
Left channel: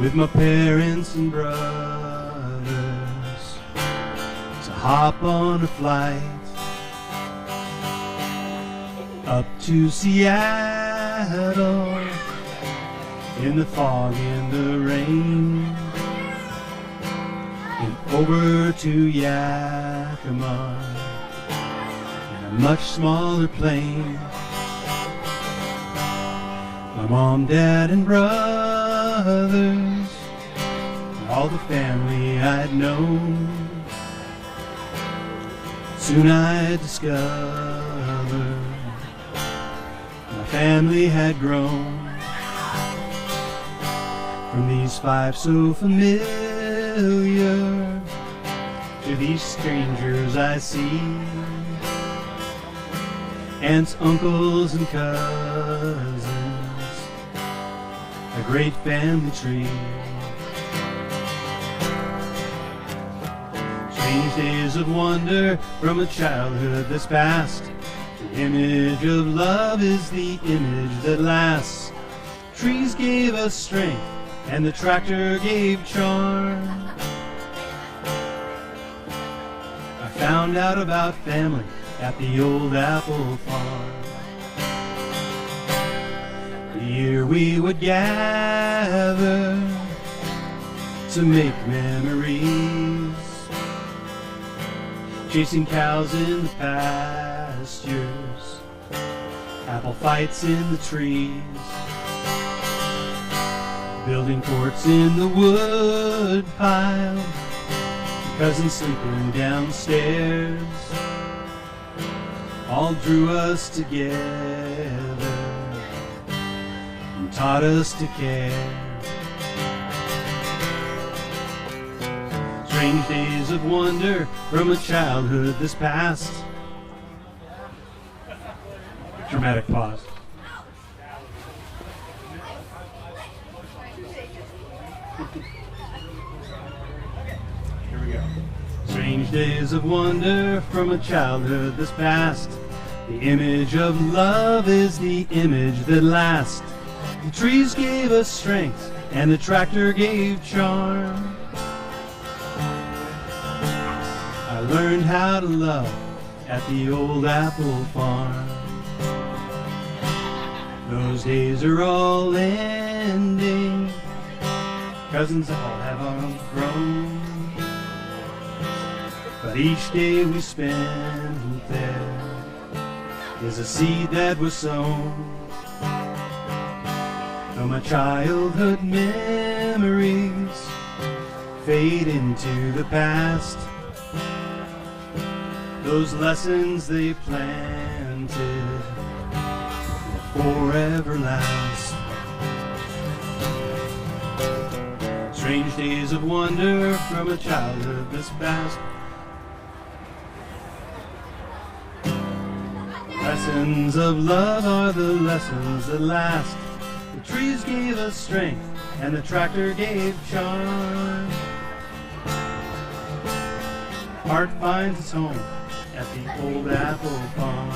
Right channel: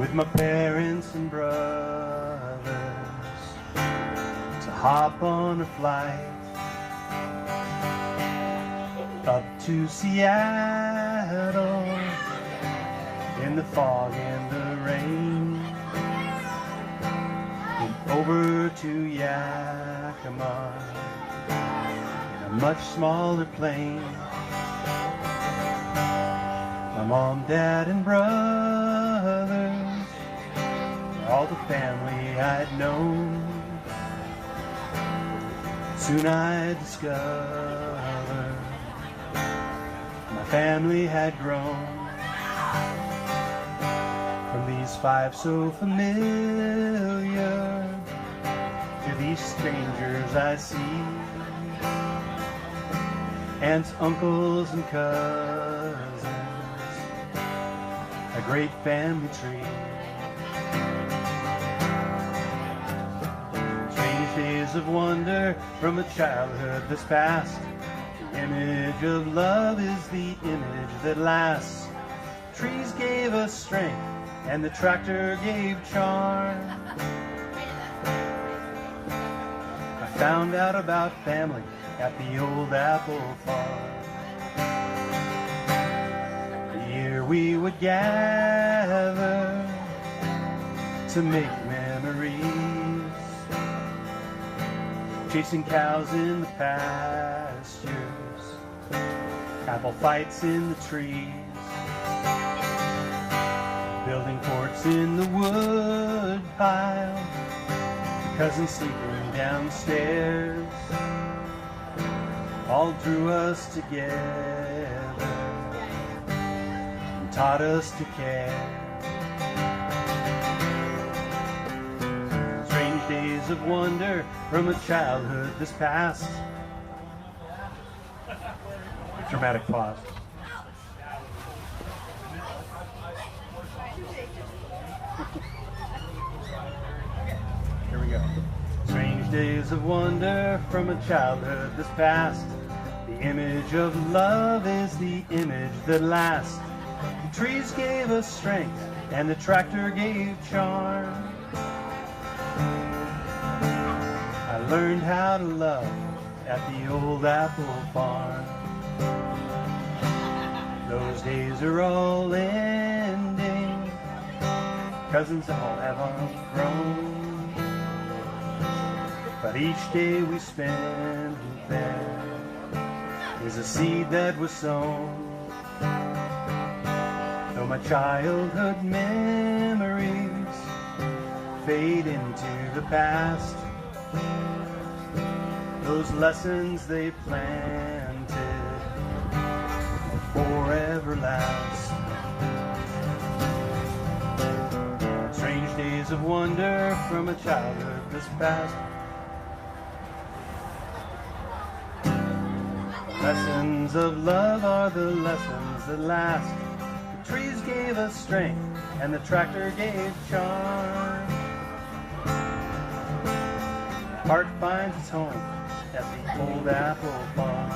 with my parents and brothers to hop on a flight up to Seattle in the fog and the rain, and over to Yakima in a much smaller plane. My mom, dad, and brothers, all the family I'd known. Soon I discovered my family had grown. From these five so familiar to these strangers I see, aunts, uncles, and cousins, a great family tree. Strange days of wonder from a childhood that's past. The image of love is the image that lasts. Trees gave us strength and the tractor gave charm. I found out about family at the old apple farm. Here we would gather to make memories, chasing cows in the pastures, apple fights in the trees, building forts in the wood pile, cousins sleeping downstairs, all drew us together, taught us to care. Strange days of wonder from a childhood that's past. Dramatic pause. Here we go. Strange days of wonder from a childhood that's past. The image of love is the image that lasts. The trees gave us strength and the tractor gave charm. I learned how to love at the old apple farm. Those days are all ending, cousins all have outgrown, but each day we spend there is a seed that was sown. Though my childhood memories fade into the past, those lessons they planted will forever last. Strange days of wonder from a childhood that's past. Lessons of love are the lessons that last. The trees gave us strength and the tractor gave charm. Heart finds its home at the old apple farm.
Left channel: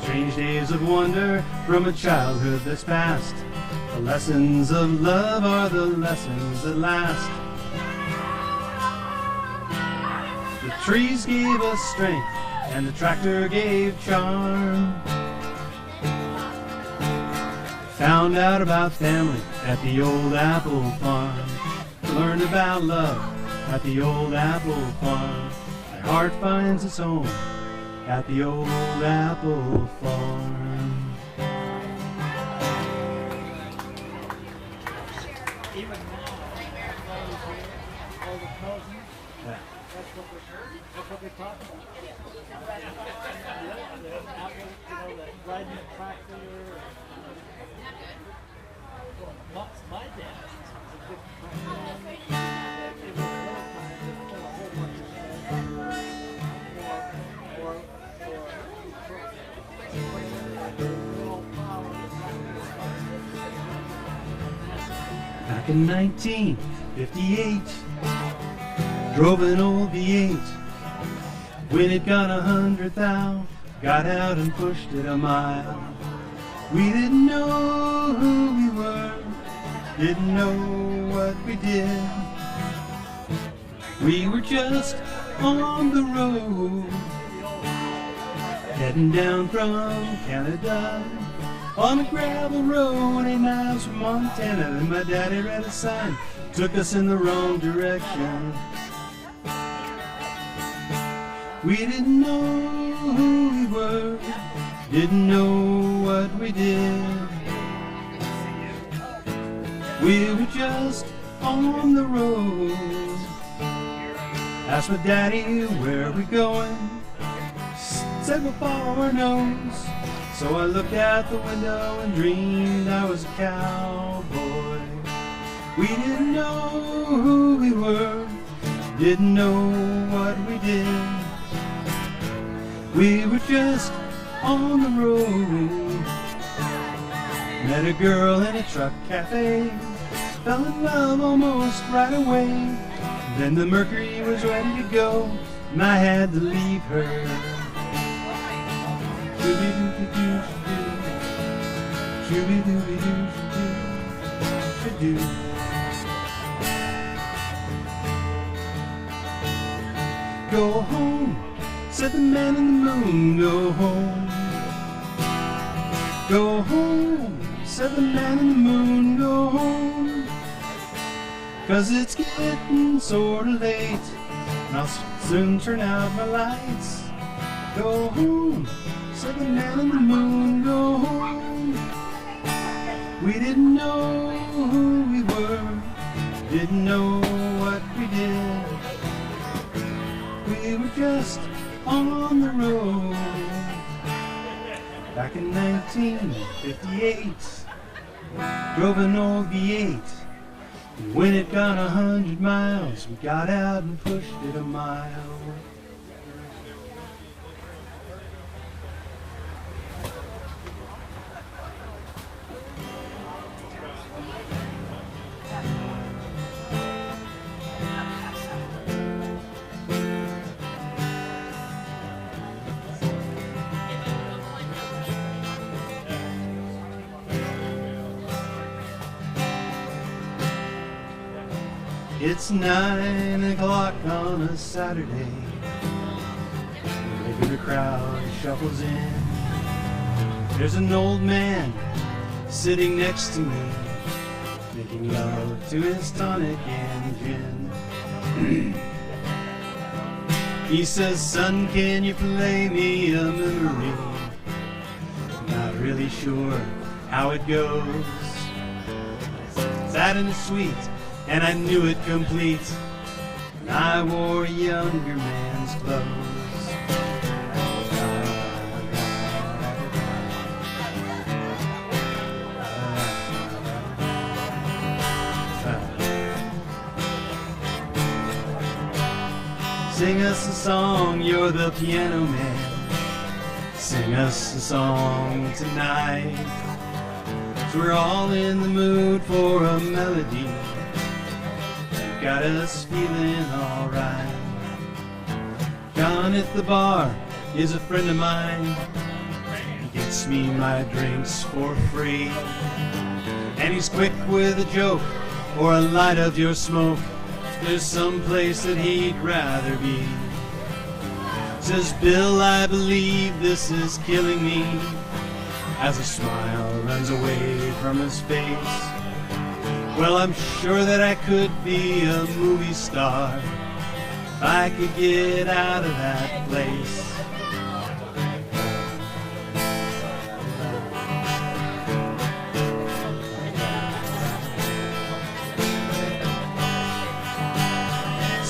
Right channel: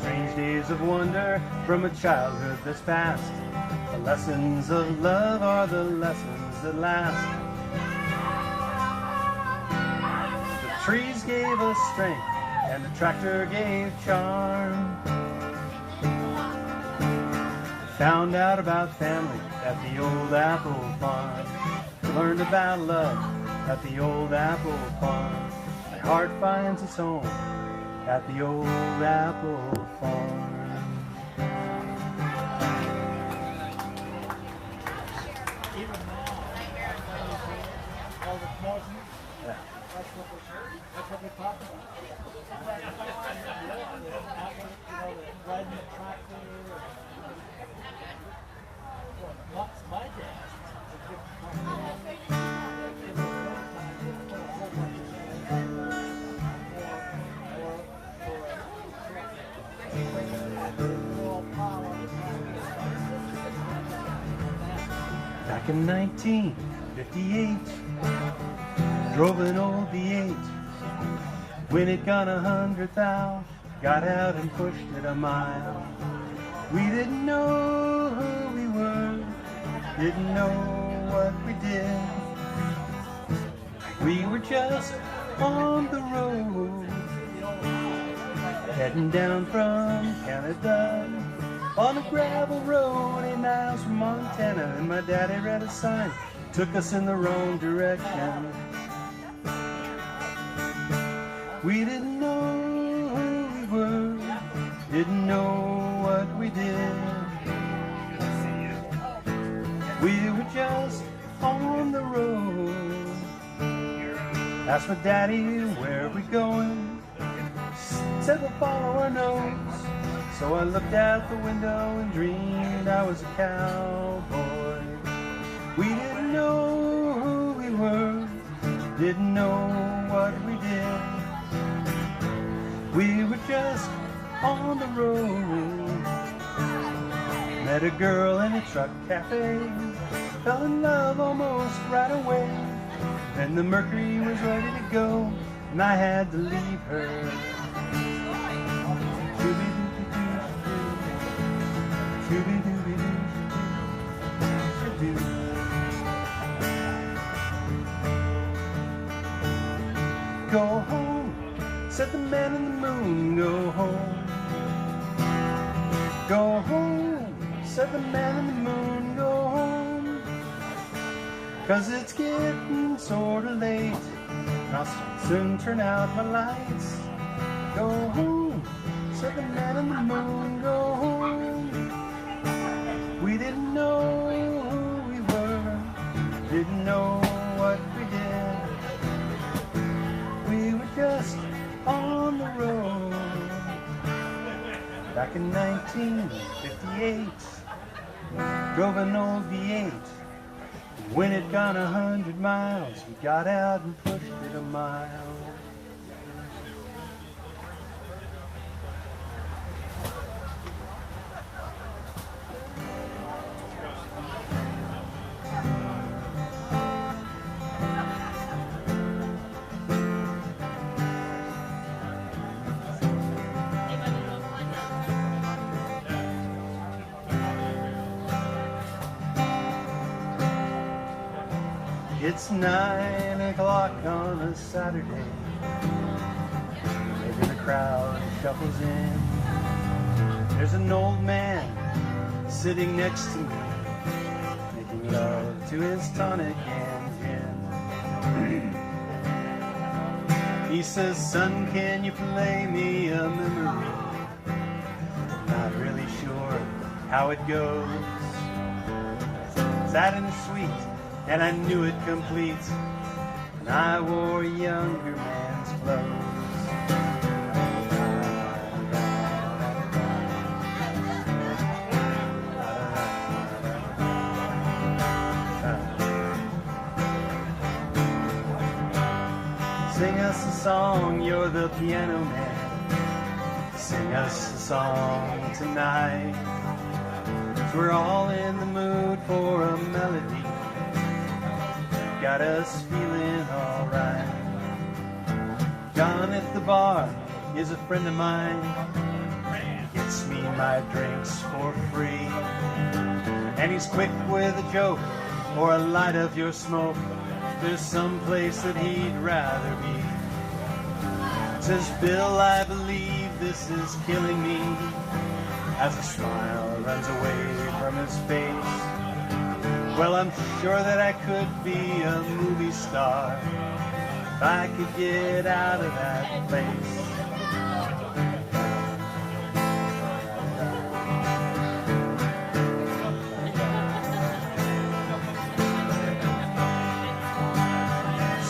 Strange days of wonder from a childhood that's past. The lessons of love are the lessons that last. The trees gave us strength and the tractor gave charm. Found out about family at the old apple farm. Learned about love at the old apple farm. My heart finds its home at the old apple farm. all the cousins. Yeah. That's what they talk about. The riding the tractor. My dad was a big Back in 1958, drove an old V8. When it got 100,000, got out and pushed it a mile. We didn't know who we were, didn't know what we did. We were just on the road, heading down from Canada on a gravel road 8 miles from Montana. And my daddy read a sign, took us in the wrong direction. We didn't know who we were, didn't know what we did. We were just on the road. Asked my daddy, where are we going? Said we'll follow our nose. So I looked out the window and dreamed I was a cowboy. We didn't know who we were, didn't know what we did. We were just on the road. Met a girl in a truck cafe, fell in love almost right away. Then the Mercury was ready to go, and I had to leave her. Go home, said the man in the moon, go home. Go home, said the man in the moon, go home. 'Cause it's getting sorta late, and I'll soon turn out my lights. Go home, said the man in the moon, go home. We didn't know who we were, didn't know what we did. We were just on the road. Back in 1958, drove an old V8. When it got 100 miles, we got out and pushed it a mile. It's 9 o'clock on a Saturday, making the crowd shuffles in. There's an old man sitting next to me, making love to his tonic and gin. He says, son, can you play me a memory? Not really sure how it goes. Sad and sweet, and I knew it complete, and I wore a younger man's clothes. Sing us a song, you're the piano man. Sing us a song tonight. We're all in the mood for a melody. Got us feeling alright. John at the bar is a friend of mine. He gets me my drinks for free. And he's quick with a joke or a light of your smoke. There's some place that he'd rather be. Says, Bill, I believe this is killing me. As a smile runs away from his face. Well, I'm sure that I could be a movie star if I could get out of that place.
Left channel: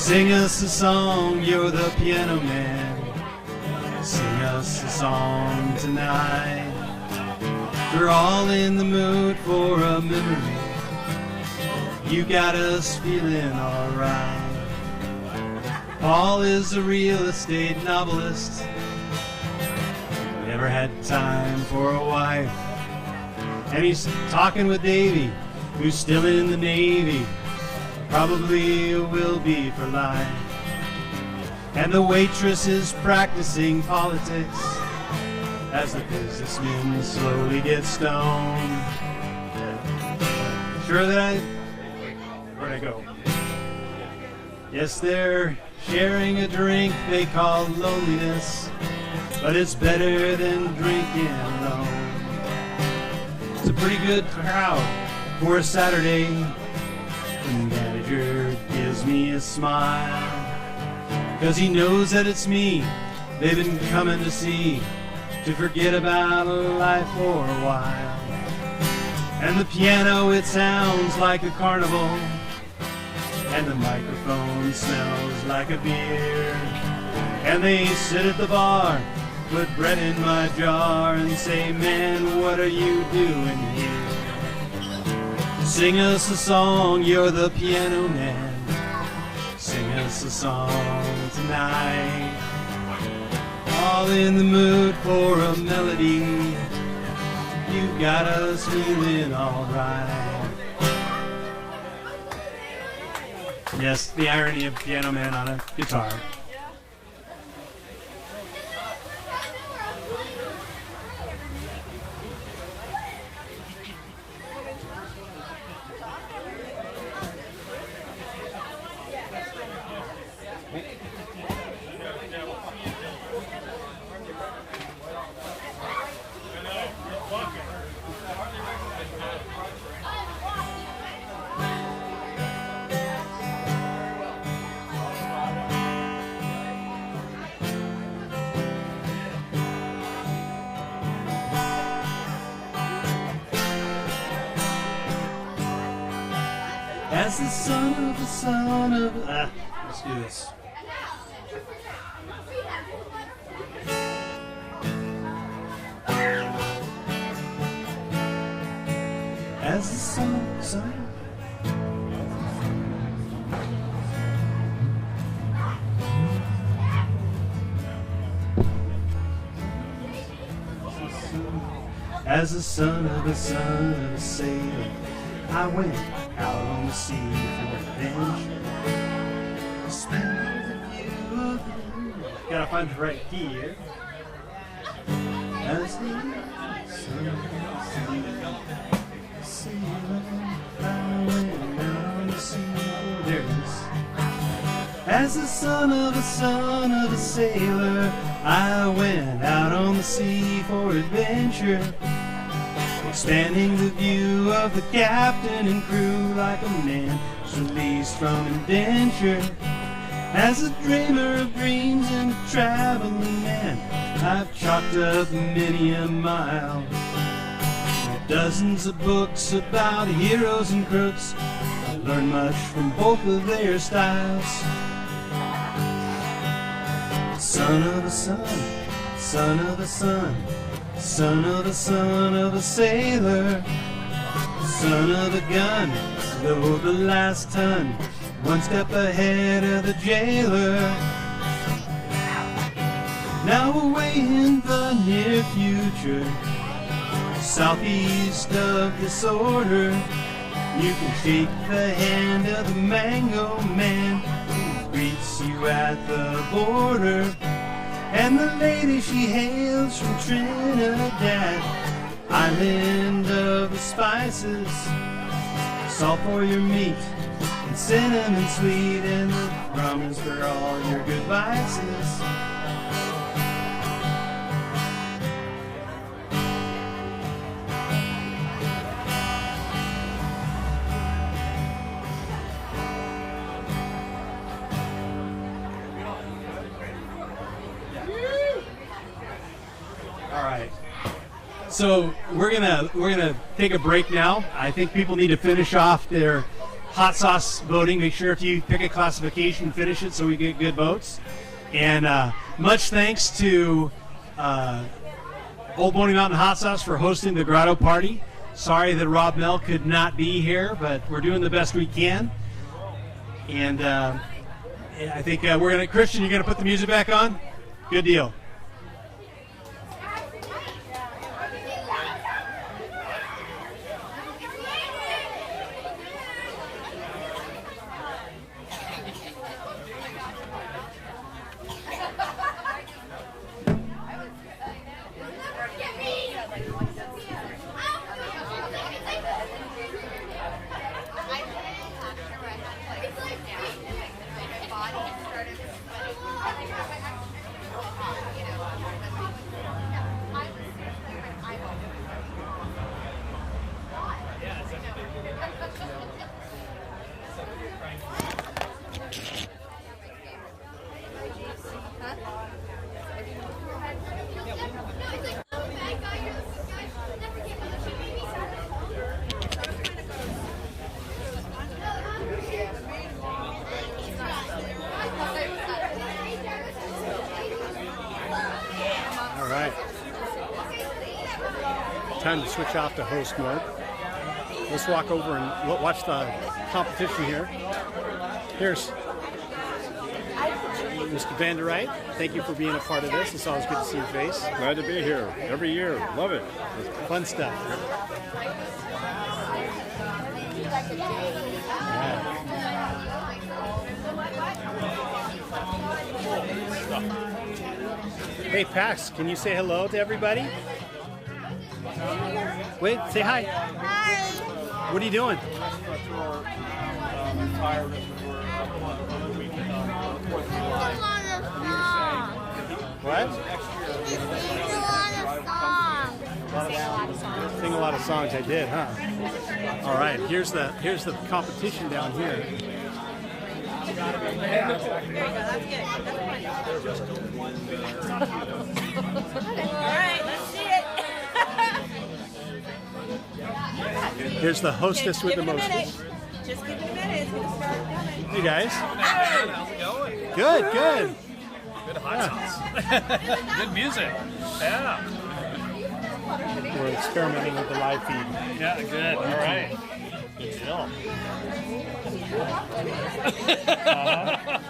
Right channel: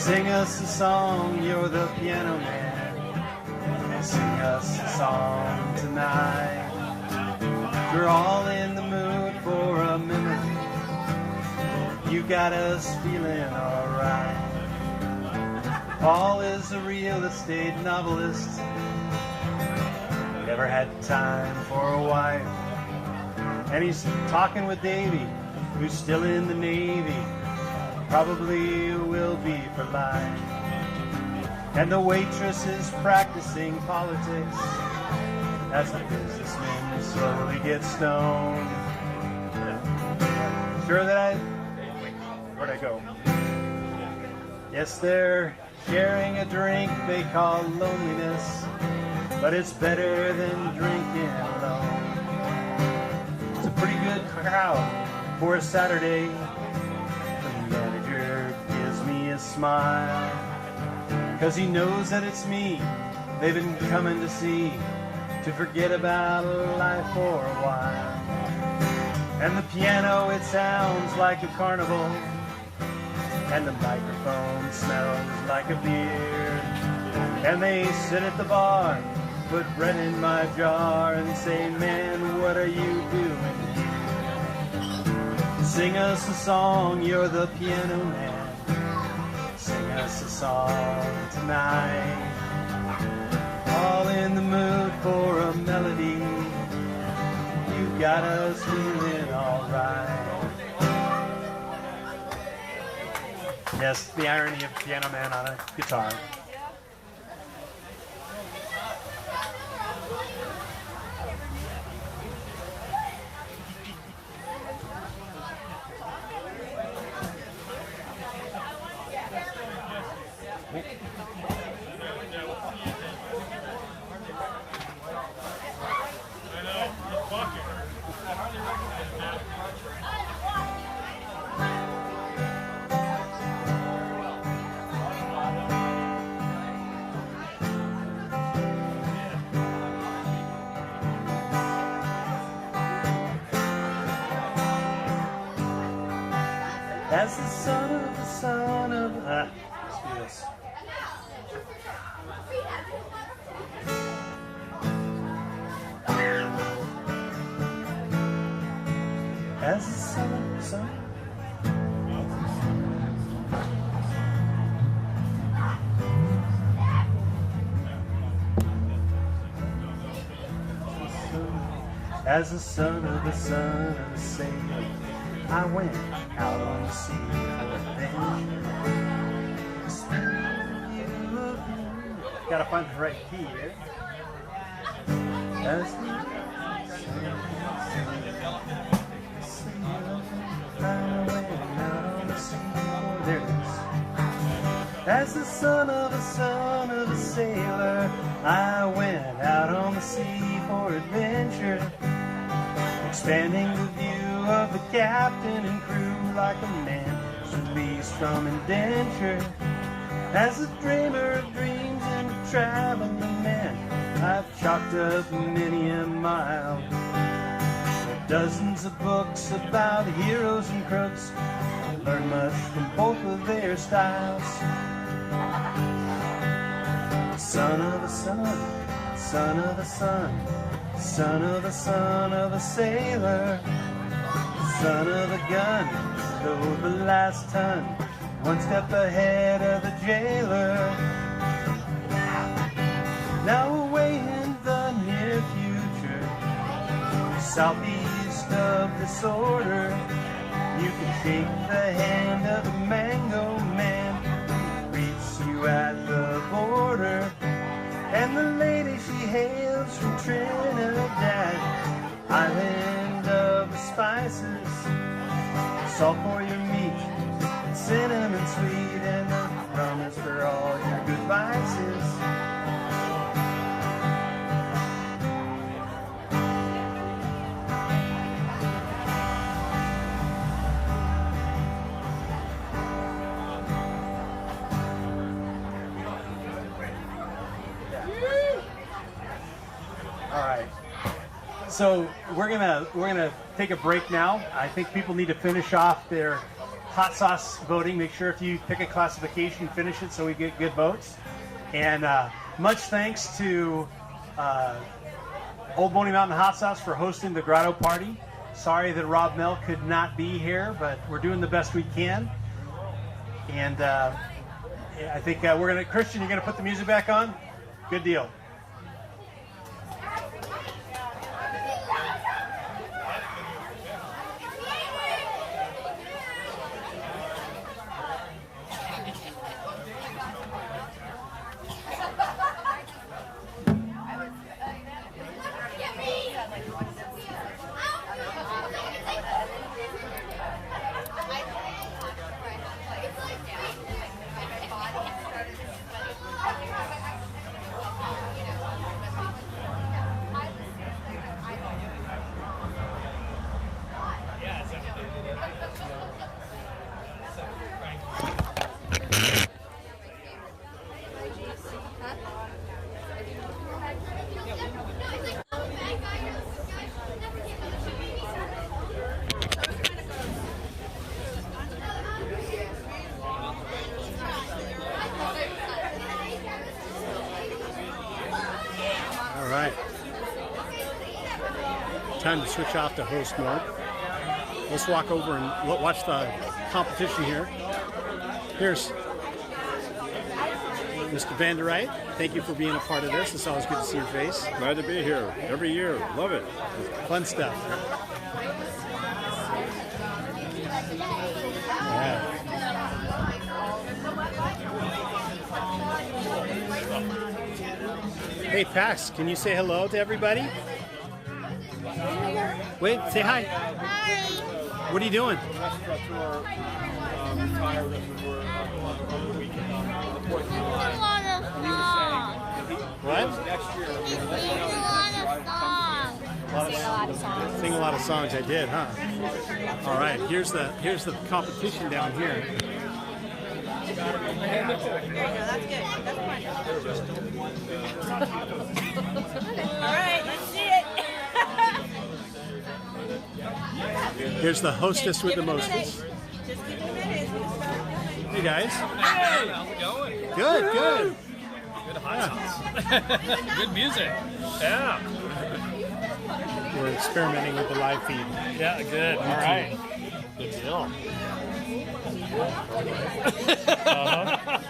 Sing us a song, you're the piano man. Sing us a song tonight. We're all in the mood for a memory. You got us feeling alright. Paul is a real estate novelist. Never had time for a wife. And he's talking with Davy, who's still in the Navy. Probably will be for life. And the waitress is practicing politics as the businessmen slowly get stoned. Sure that where'd I go? Yes, they're sharing a drink they call loneliness, but it's better than drinking alone. It's a pretty good crowd for a Saturday. The manager gives me a smile, 'cause he knows that it's me they've been coming to see, to forget about life for a while. And the piano, it sounds like a carnival, and the microphone smells like a beer. And they sit at the bar, put bread in my jar, and say, man, what are you doing here? Sing us a song, you're the piano man. Sing us a song tonight. All in the mood for a melody. You got us feeling alright. Yes, the irony of piano man on a guitar. As the son of let's do this. As the son. As the son of a sailor, I went out on the sea for adventure. Gotta find the right key here. As the son of a sailor, I went out on the sea for there it is. As the son of a sailor, I went out on the sea for adventure. Expanding the view of the captain and crew like a man released from indenture. As a dreamer of dreams and a traveling man, I've chalked up many a mile. Dozens of books about heroes and crooks. I learned much from both of their styles. Son of a son, son of a son, son of a sailor, son of the gun, load the last ton, one step ahead of the jailer. Now away in the near future, southeast of disorder, you can shake the hand of the mango man who greets you at the border. And the lady, she hails from Trinidad, island of the spices, salt for your meat, and cinnamon sweet, and the rum is for all your good vices. So we're gonna take a break now. I think people need to finish off their hot sauce voting. Make sure if you pick a classification, finish it so we get good votes. And much thanks to Old Boney Mountain Hot Sauce for hosting the Grotto party. Sorry that Rob Mell could not be here, but we're doing the best we can. And I think we're gonna, Christian, you're gonna put the music back on? Good deal. All right. Time to switch off to host mode. Let's walk over and watch the competition here. Here's Mr. Van der Wright. Thank you for being a part of this. It's always good to see your face. Glad to be here every year. Love it. Fun stuff. All right. Hey, Pax, can you say hello to everybody? Wait, say hi. Hi. What are you doing? Retired over the weekend on the 4th of July. A lot of songs. What? Next year, He sings a lot of songs. Sing a lot of songs. I did, huh? All right. Here's the competition down here. Here's the hostess with the mostest. You guys? How's it going? Good, good. Good hot sauce. Good music. Yeah. We're experimenting with the live feed. Yeah, good. All right. Good deal.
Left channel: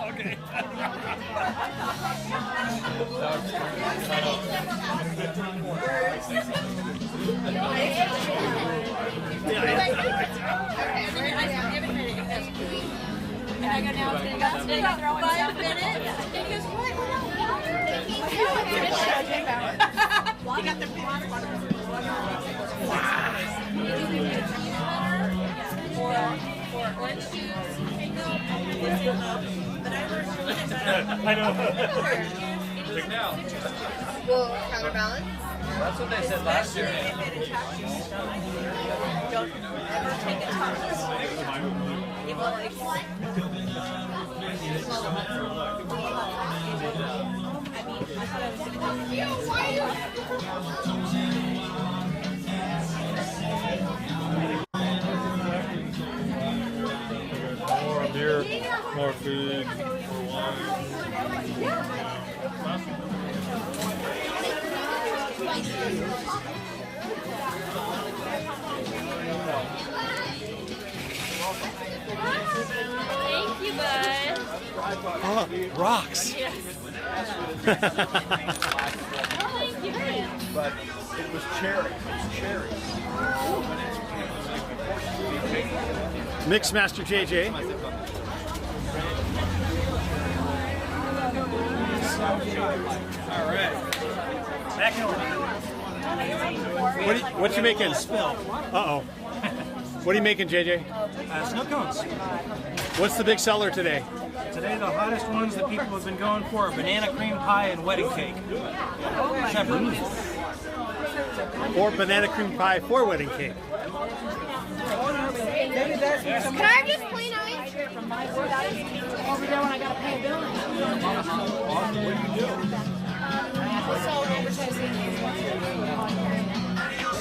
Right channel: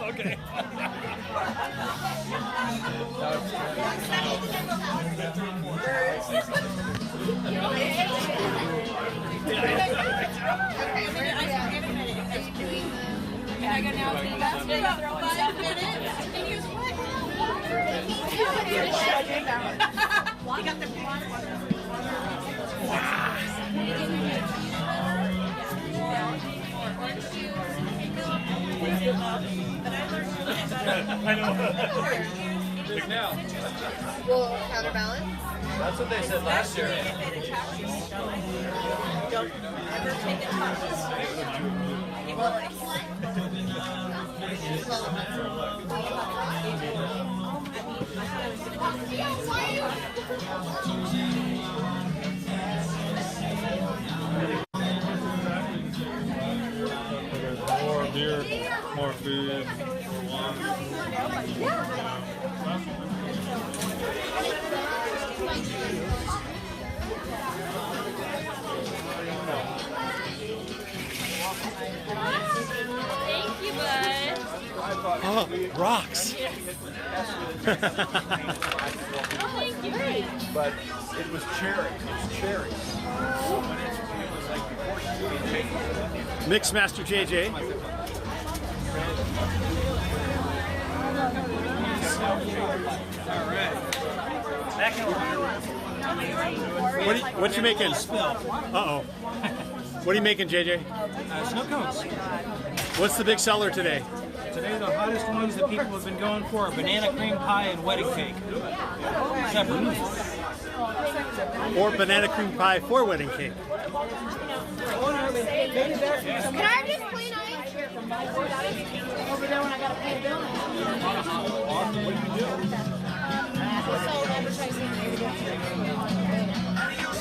Okay. Can I go now? That's been throwing 5 minutes. Orange juice. I know. Big now. Will counterbalance. That's what they said last year. If it attacks your stomach, don't ever take a test. It will More beer, more food, more water. Thank you, bud. Oh, rocks. Thank you. But it was cherry. It's cherry. Mixmaster JJ. What you making? Uh-oh. What are you making, JJ? Snow cones. What's the big seller today? Today the hottest ones that people have been going for are banana cream pie and wedding cake. Separately. Or banana cream pie for wedding cake. Can I just clean ice?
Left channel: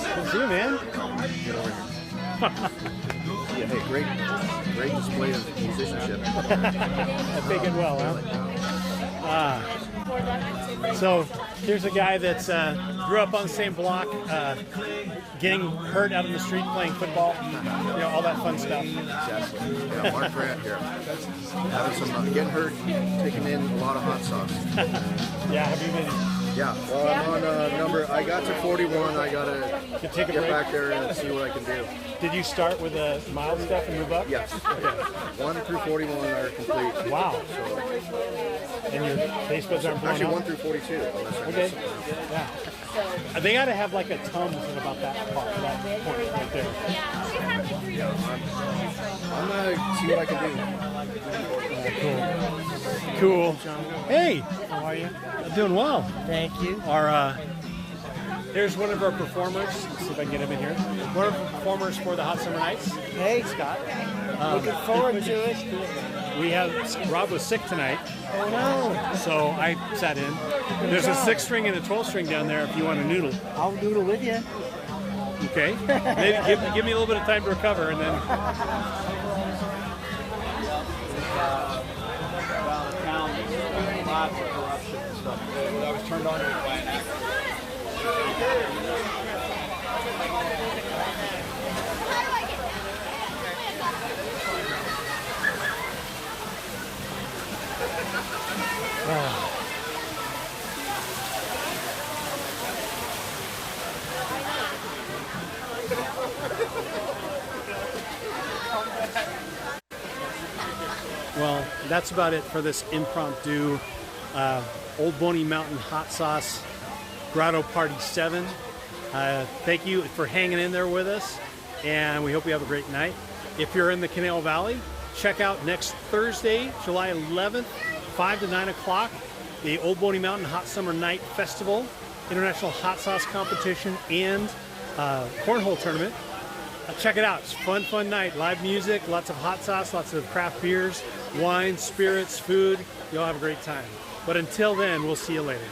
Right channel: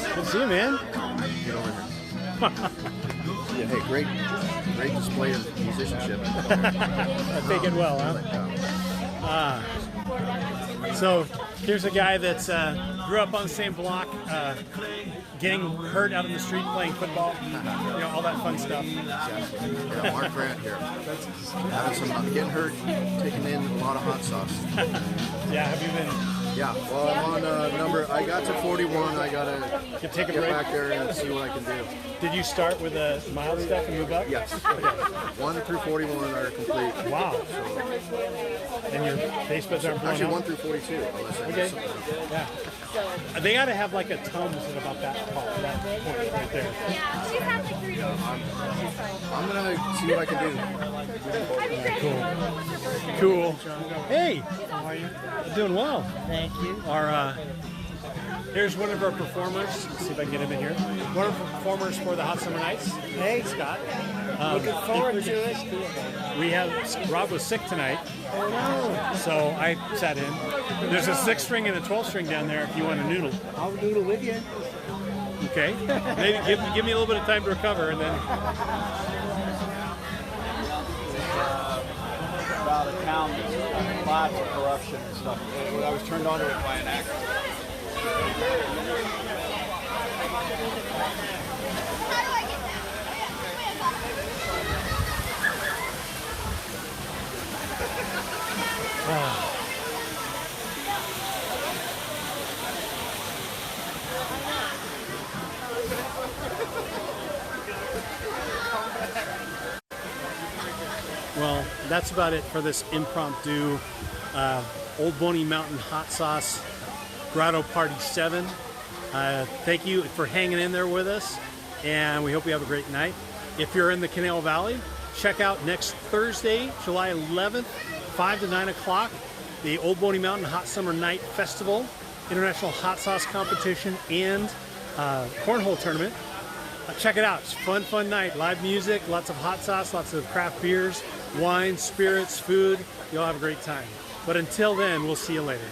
Good to see you, man. Yeah, great. Great display of musicianship. I think it well, huh? So here's a guy that grew up on the same block, getting hurt out in the street playing football, you know, all that fun stuff. Exactly. Yeah, Mark Grant here. Having some getting hurt, taking in a lot of hot sauce. Yeah, have you been? Yeah, well, I'm on number, I got to 41, I gotta take a break back there and see what I can do. Did you start with a mild stuff and move up? Yes. Okay. 1 through 41 are complete. Wow. So, and your taste buds aren't blowing actually, out? 1 through 42, unless I mess something up. Yeah. They got to have like a Tums at about that part, that point right there. I'm gonna see what I can do. Yeah, cool. Hey, How are you? doing well. Thank you. Here's one of our performers. Let's see if I can get him in here. One of our performers for the Hot Summer Nights. Hey, Scott. Looking forward to it. We have Rob was sick tonight, I know. so I sat in. There's a 6-string and a 12-string down there if you want a noodle. I'll noodle with you. Okay. Maybe give me a little bit of time to recover, and then. The town was lots of corruption and stuff. I was turned on to it by an actor. Well, that's about it for this impromptu Old Boney Mountain Hot Sauce Grotto Party 7. Thank you for hanging in there with us, and we hope you have a great night. If you're in the Canal Valley, check out next Thursday, July 11th, 5 to 9 o'clock, the Old Boney Mountain Hot Summer Night Festival, International Hot Sauce Competition, and Cornhole Tournament. Check it out. It's a fun night. Live music, lots of hot sauce, lots of craft beers, wine, spirits, food. You'll have a great time. But until then, we'll see you later.